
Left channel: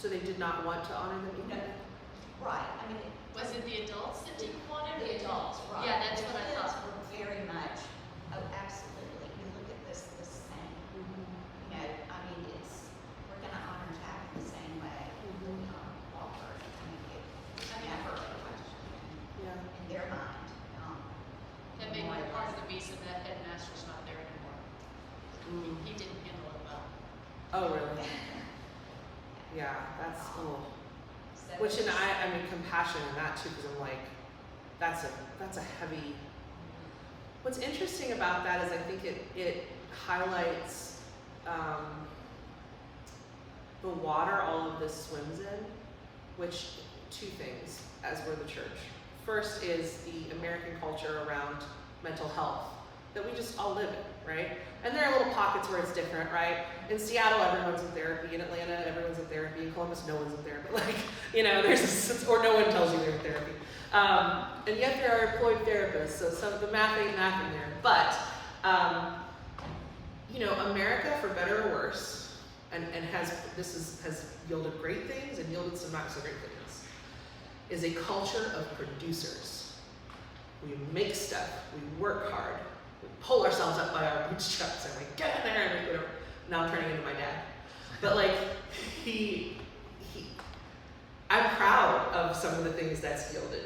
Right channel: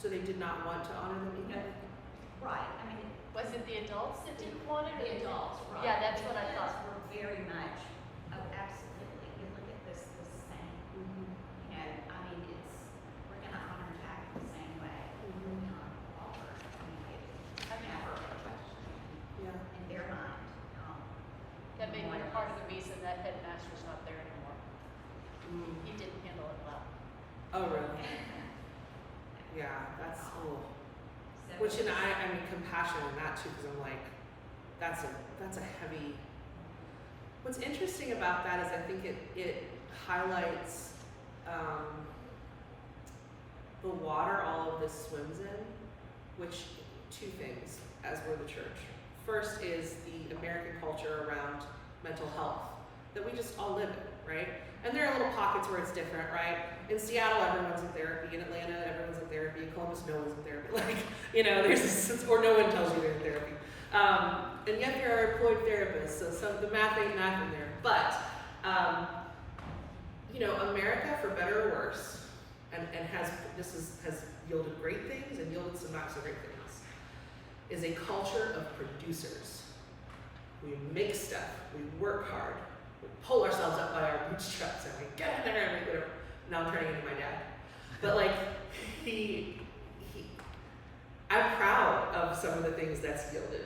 So they did not want to honor them No. either? Right, I mean. Was it the adults that didn't want it? The adults, right. Yeah, that's what I The kids thought. were very much, oh, absolutely, we look at this the same. Mm-hmm. You know, I mean, we're gonna honor Jack the same way. Mhm. Walker, never a question Yeah. in their mind. That may be part of the reason that headmaster's not there anymore. Mm. He didn't handle it well. Oh, really? Yeah, that's, oh. So- Which, and I mean, compassion in that too, because I'm like, that's a heavy. What's interesting about that is I think it highlights the water all of this swims in, which, two things, as we're the church. First is the American culture around mental health that we just all live in, right? And there are little pockets where it's different, right? In Seattle, everyone's in therapy. In Atlanta, everyone's in therapy. In Columbus, no one's in therapy. Like, you know, there's a sense, or no one tells you they're in therapy. And yet there are employed therapists, so some of the math ain't math in there. But, you know, America, for better or worse, and has yielded great things and yielded some not so great things, is a culture of producers. We make stuff, we work hard, we pull ourselves up by our bootstraps and like, get in there, and whatever. Now I'm turning into my dad. But like, I'm proud of some of the things that's yielded.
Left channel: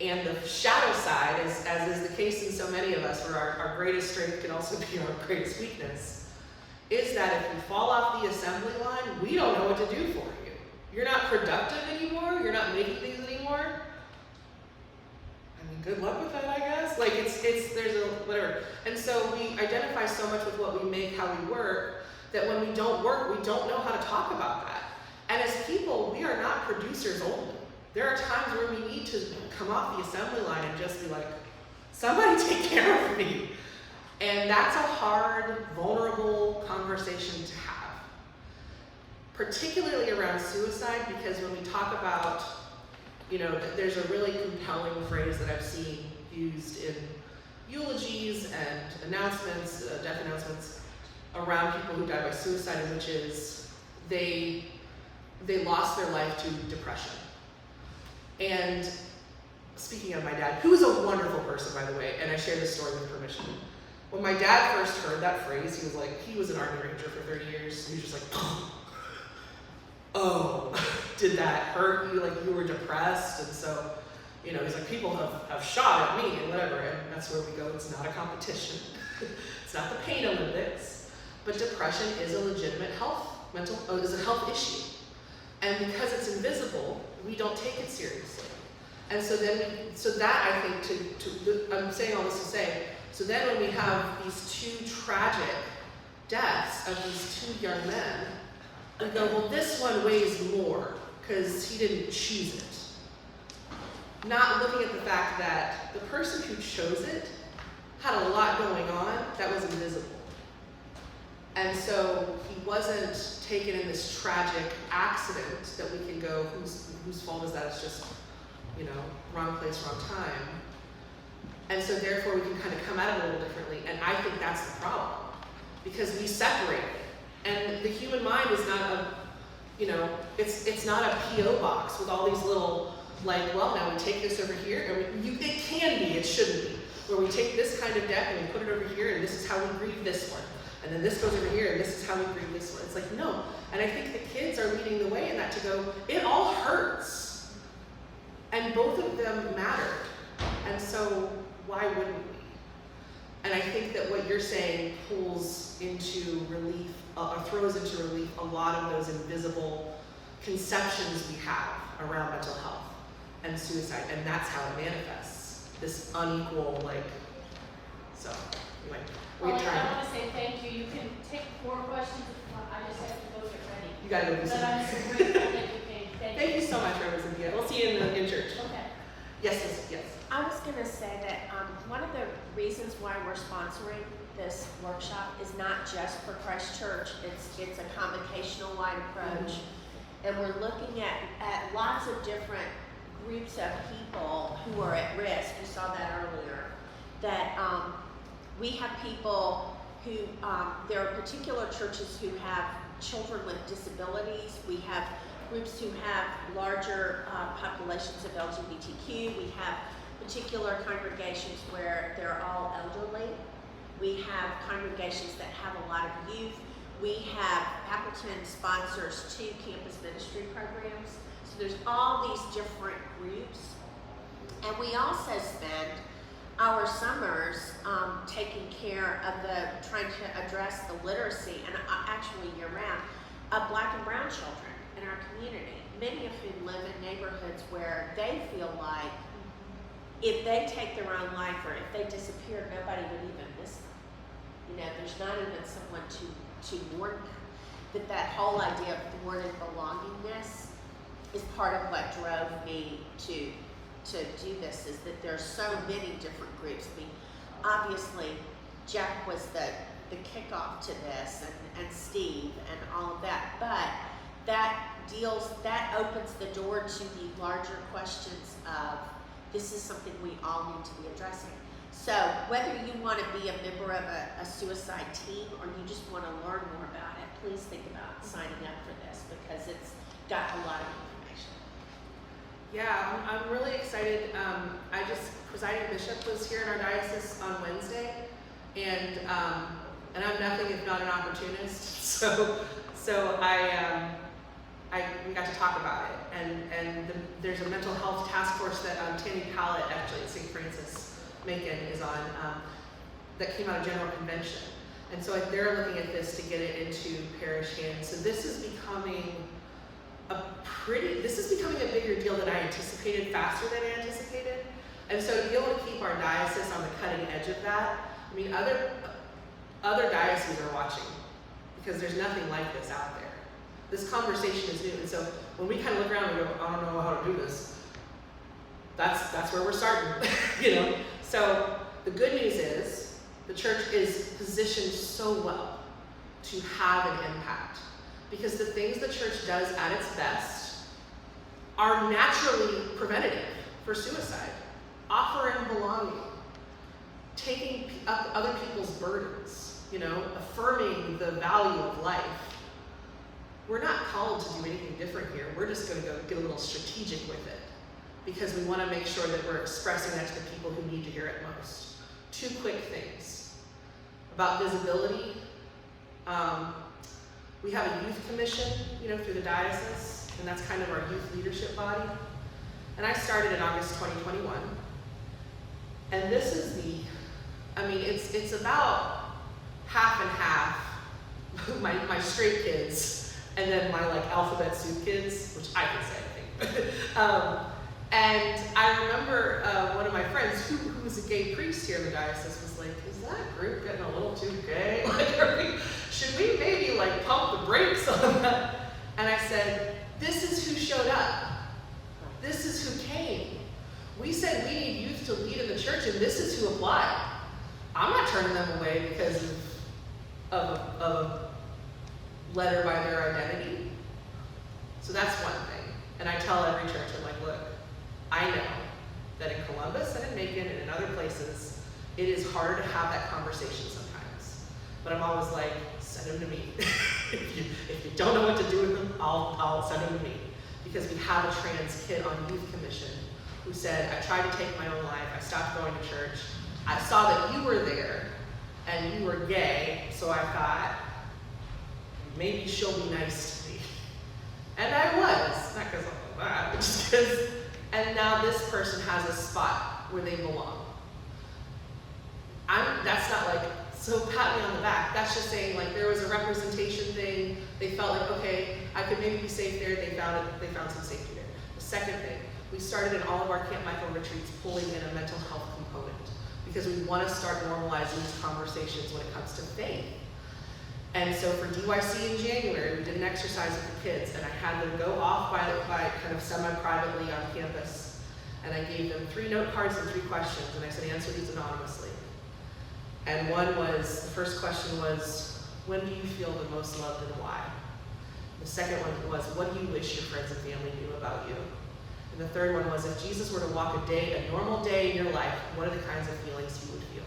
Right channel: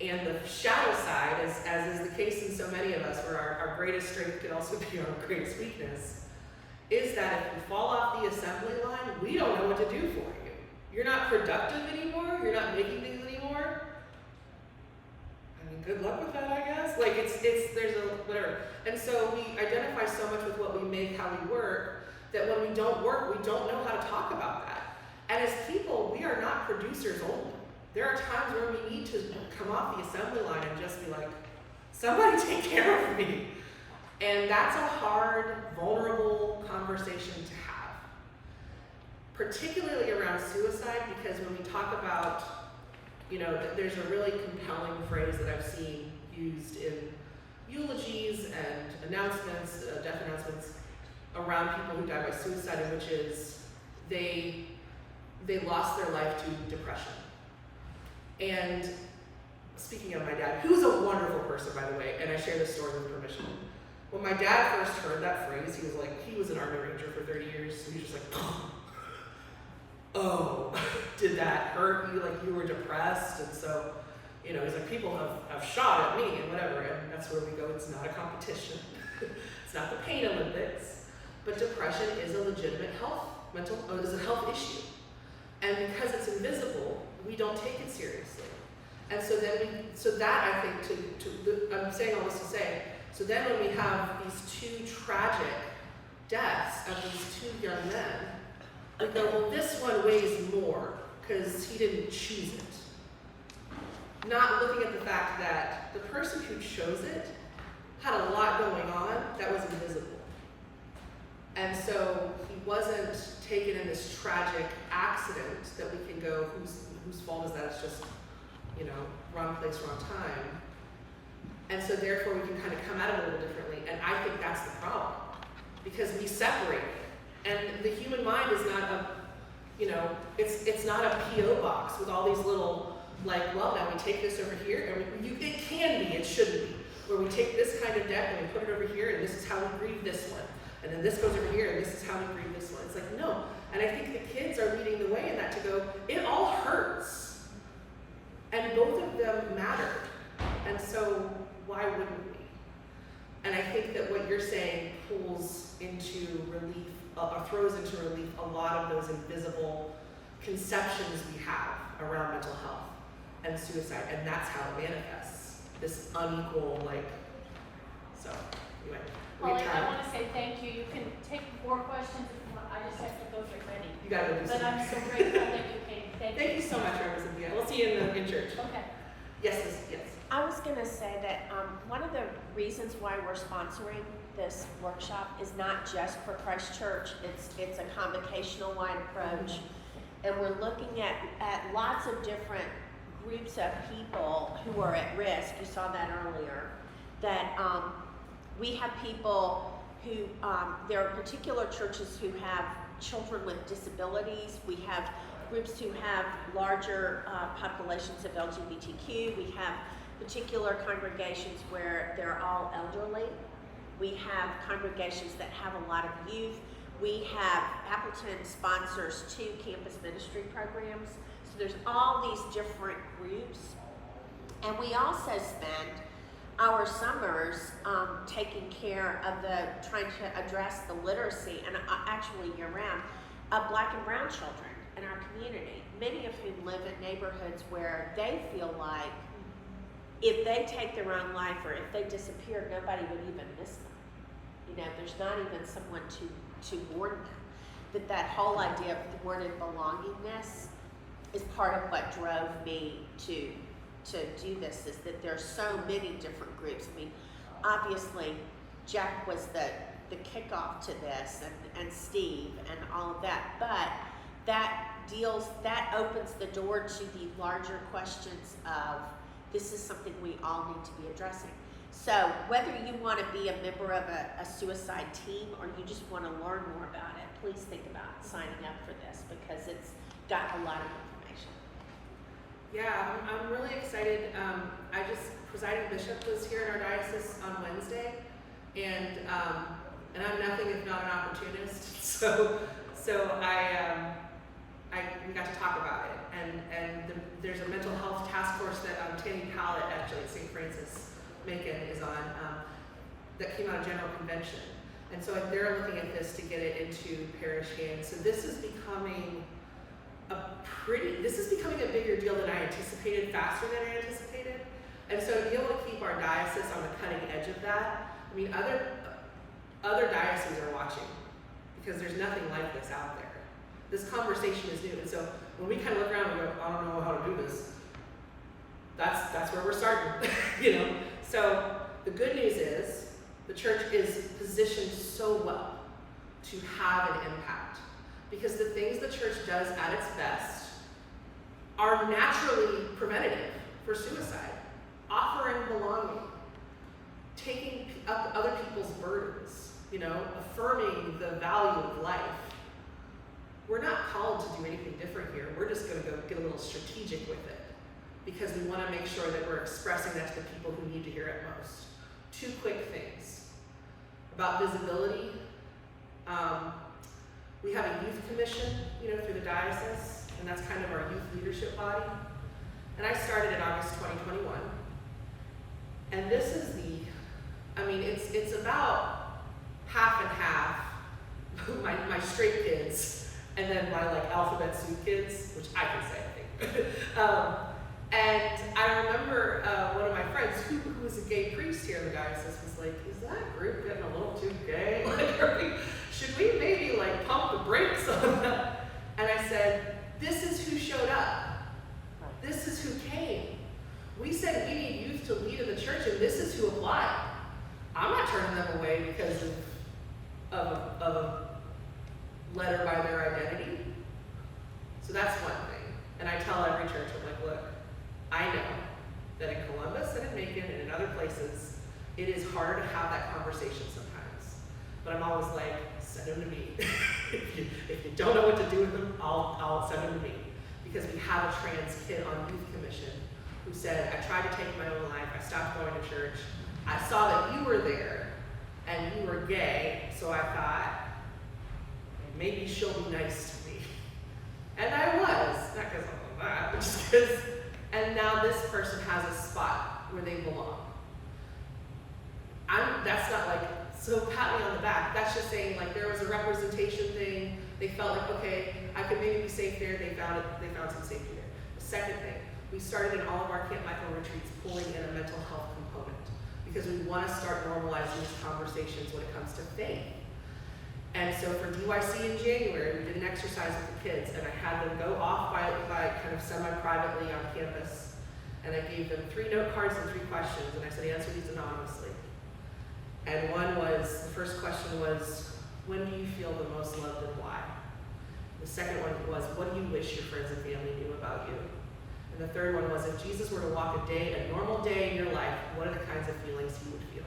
And the shadow side, as is the case in so many of us, where our greatest strength can also be our greatest weakness, is that if you fall off the assembly line, we don't know what to do for you. You're not productive anymore, you're not making things anymore. I mean, good luck with that, I guess. Like, there's a, whatever. And so we identify so much with what we make, how we work, that when we don't work, we don't know how to talk about that. And as people, we are not producers only. There are times where we need to come off the assembly line and just be like, somebody take care of me. And that's a hard, vulnerable conversation to have. Particularly around suicide, because when we talk about, you know, there's a really compelling phrase that I've seen used in eulogies and announcements, death announcements, around people who died by suicide, which is they lost their life to depression. And speaking of my dad, who was a wonderful person, by the way, and I share this story with permission. When my dad first heard that phrase, he was an Army Ranger for 30 years, so he was just like, oh, did that hurt you? Like, you were depressed? And so, you know, he's like, people have shot at me and whatever, and that's where we go. It's not a competition. It's not the pain Olympics, but depression is a legitimate is a health issue. And because it's invisible, we don't take it seriously. And so that I think I'm saying all this to say, so then when we have these two tragic deaths of these two young men, we go, well, this one weighs more because he didn't choose it. Not looking at the fact that the person who chose it had a lot going on that was invisible. And so he wasn't taken in this tragic accident that we can go, whose fault is that? It's just, you know, wrong place, wrong time. And so therefore we can kind of come at it a little differently. And I think that's the problem, because we separate it. And the human mind is not a, you know, it's not a P.O. box with all these little, like, well, now we take this over here, and it can be, it shouldn't be, where we take this kind of deck and we put it over here, and this is how we grieve this one. And then this goes over here, and this is how we grieve this one. It's like, no. And I think the kids are leading the way in that, to go, it all hurts. And both of them mattered. And so why wouldn't we? And I think that what you're saying pulls into relief, throws into relief a lot of those invisible conceptions we have around mental health and suicide. And that's how it manifests, this unequal, like, so anyway. Well, I want to say thank you. You can take more questions. I just have to go get ready. You gotta go do But I'm so something. grateful that you came. Thank you so much, Reverend Cynthia. We'll see you in church. Okay. Yes. I was going to say that one of the reasons why we're sponsoring this workshop is not just for Christ Church. It's a convocational-wide approach, and we're looking at lots of different groups of people who are at risk. You saw that earlier. That we have people who, there are particular churches who have children with disabilities. We have groups who have larger populations of LGBTQ. We have particular congregations where they're all elderly. We have congregations that have a lot of youth. We have Appleton sponsors 2 campus ministry programs. So there's all these different groups. And we also spend our summers taking care of trying to address the literacy, and actually year-round, of Black and brown children in our community. Many of whom live in neighborhoods where they feel like if they take their own life or if they disappear, nobody would even miss them. You know, there's not even someone to warn them. That whole idea of thwarted belongingness is part of what drove me to do this, is that there are so many different groups. I mean, obviously, Jack was the kickoff to this, and Steve and all of that, but that opens the door to the larger questions of, this is something we all need to be addressing. So whether you want to be a member of a suicide team or you just want to learn more about it, please think about signing up for this, because it's got a lot of information. Yeah, I'm really excited. Presiding bishop was here in our diocese on Wednesday, and I'm nothing if not an opportunist. So we got to talk about it, and there's a mental health task force that Tammy Collett, actually St. Francis Macon, is on, that came out of General Convention, and so they're looking at this to get it into parish hands. So this is becoming a bigger deal than I anticipated, faster than I anticipated. And so to be able to keep our diocese on the cutting edge of that, I mean, other dioceses are watching, because there's nothing like this out there. This conversation is new, and so when we kind of look around and go, I don't know how to do this, that's where we're starting, you know? So the good news is the church is positioned so well to have an impact, because the things the church does at its best are naturally preventative for suicide. Offering belonging, taking up other people's burdens, you know, affirming the value of life. We're not called to do anything different here. We're just going to go get a little strategic with it, because we want to make sure that we're expressing that to the people who need to hear it most. 2 quick things about visibility. We have a youth commission, you know, through the diocese, and that's kind of our youth leadership body. And I started in August 2021. And this is it's about half and half my straight kids, and then my like alphabet soup kids, which I can say, I think. And I remember one of my friends who was a gay priest here in the diocese was like, is that group getting a little too gay? Should we maybe like pump the brakes on that? And I said, this is who showed up. This is who came. We said we need youth to lead in the church, and this is who applied. I'm not turning them away because of a letter by their identity. So that's one thing. And I tell every church, I'm like, look, I know that in Columbus and in Macon and in other places, it is hard to have that conversation sometimes. But I'm always like, send them to me. if you don't know what to do with them, I'll send them to me. Because we have a trans kid on Youth Commission who said, I tried to take my own life, I stopped going to church, I saw that you were there, and you were gay, so I thought, maybe she'll be nice to me. And I was, not because I'm like that, but just because, and now this person has a spot where they belong. That's not like, so pat me on the back, that's just saying like there was a representation thing, they felt like, okay, I could maybe be safe there, they found some safety there. The second thing, we started in all of our Camp Michael retreats pulling in a mental health component, because we want to start normalizing these conversations when it comes to faith. And so for DYC in January, we did an exercise with the kids, and I had them go off by kind of semi-privately on campus, and I gave them 3 note cards and 3 questions, and I said, answer these anonymously. And the first question was, when do you feel the most loved and why? The second one was, what do you wish your friends and family knew about you? And the third one was, if Jesus were to walk a normal day in your life, what are the kinds of feelings he would feel?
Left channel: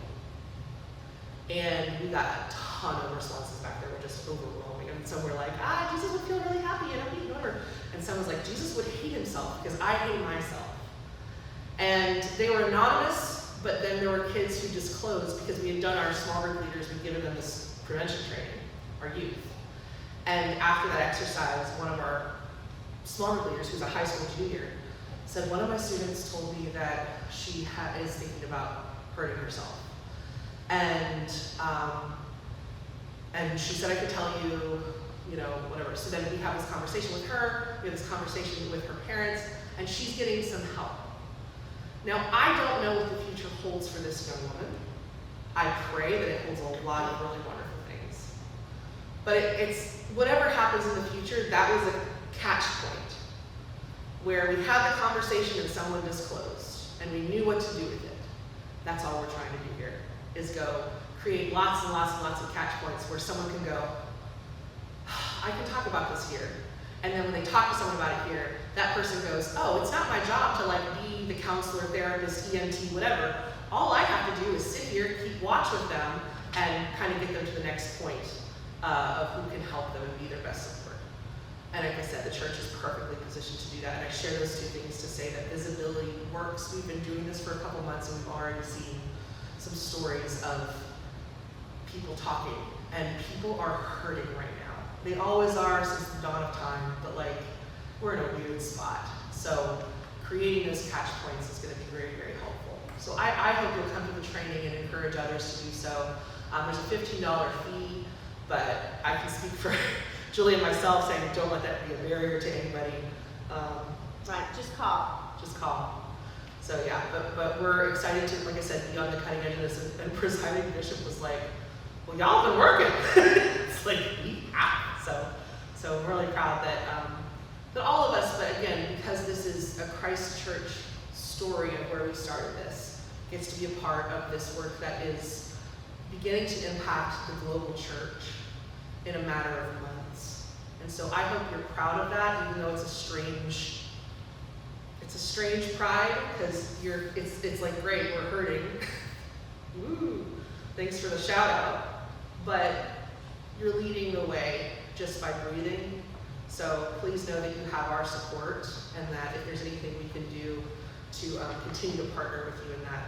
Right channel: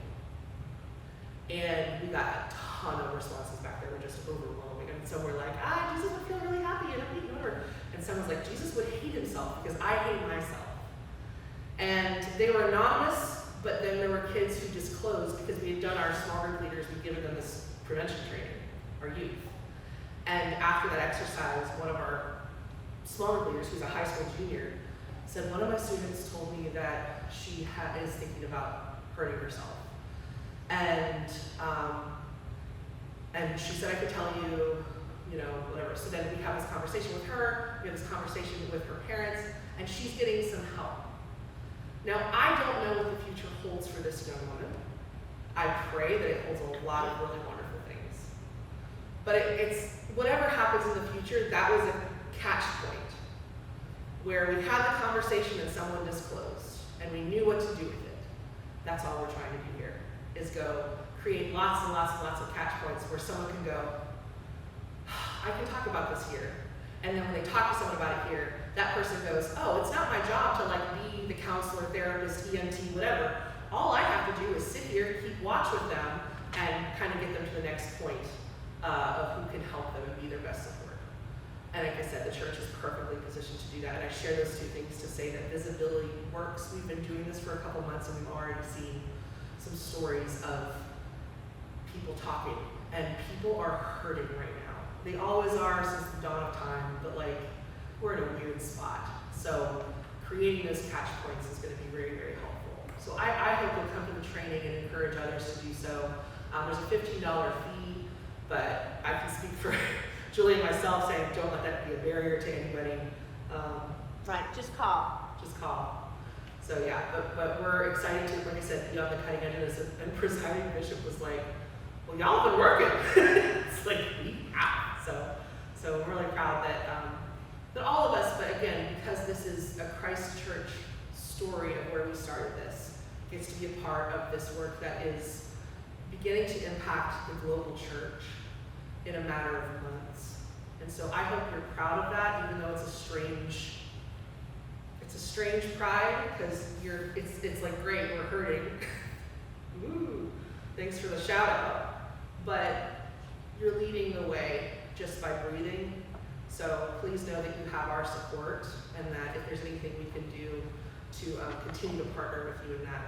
And we got a ton of responses back there, just overwhelming. And some were like, Jesus would feel really happy and I'm eating over. And some was like, Jesus would hate himself because I hate myself. And they were anonymous, but then there were kids who disclosed because we had done our small group leaders, we'd given them this prevention training, our youth. And after that exercise, one of our small group leaders, who's a high school junior, said, one of my students told me that she is thinking about hurting herself. And she said, I could tell you, whatever. So then we have this conversation with her, we have this conversation with her parents, and she's getting some help. Now, I don't know what the future holds for this young woman. I pray that it holds a lot of really wonderful things. But it's whatever happens in the future, that was a catch point where we had the conversation and someone disclosed, and we knew what to do with it. That's all we're trying to do here, is go create lots and lots and lots of catch points where someone can go, I can talk about this here. And then when they talk to someone about it here, that person goes, oh, it's not my job to be the counselor, therapist, EMT, whatever. All I have to do is sit here, keep watch with them, and kind of get them to the next point of who can help them be their best self. And like I said, the church is perfectly positioned to do that. And I share those two things to say that visibility works. We've been doing this for a couple months and we've already seen some stories of people talking. And people are hurting right now. They always are since the dawn of time, but we're in a weird spot. So creating those catch points is going to be very, very helpful. So I hope you'll come to the training and encourage others to do so. There's a $15 fee, but I can speak for Julie and myself saying don't let that be a barrier to anybody. Right, just call. Just call. So yeah, but we're excited to, like I said, be on the cutting edge of this. And presiding bishop was like, well, y'all have been working. It's like, we have. So I'm really proud that all of us, but again, because this is a Christ Church story of where we started this, gets to be a part of this work that is beginning to impact the global church in a matter of months. And so I hope you're proud of that, even though it's a strange pride, because it's like, great, we're hurting. Woo, thanks for the shout out. But you're leading the way just by breathing. So please know that you have our support, and that if there's anything we can do to continue to partner with you in that,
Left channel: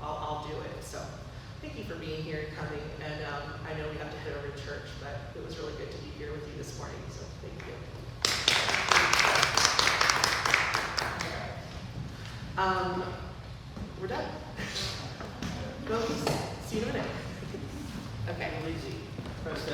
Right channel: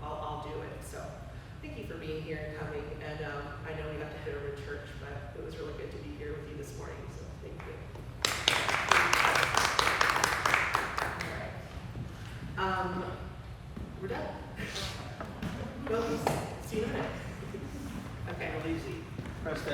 I'll do it. So thank you for being here and coming. And I know we have to head over to church, but it was really good to be here with you this morning. So thank you. We're done. No, see you in a minute. Okay. Easy. Press that.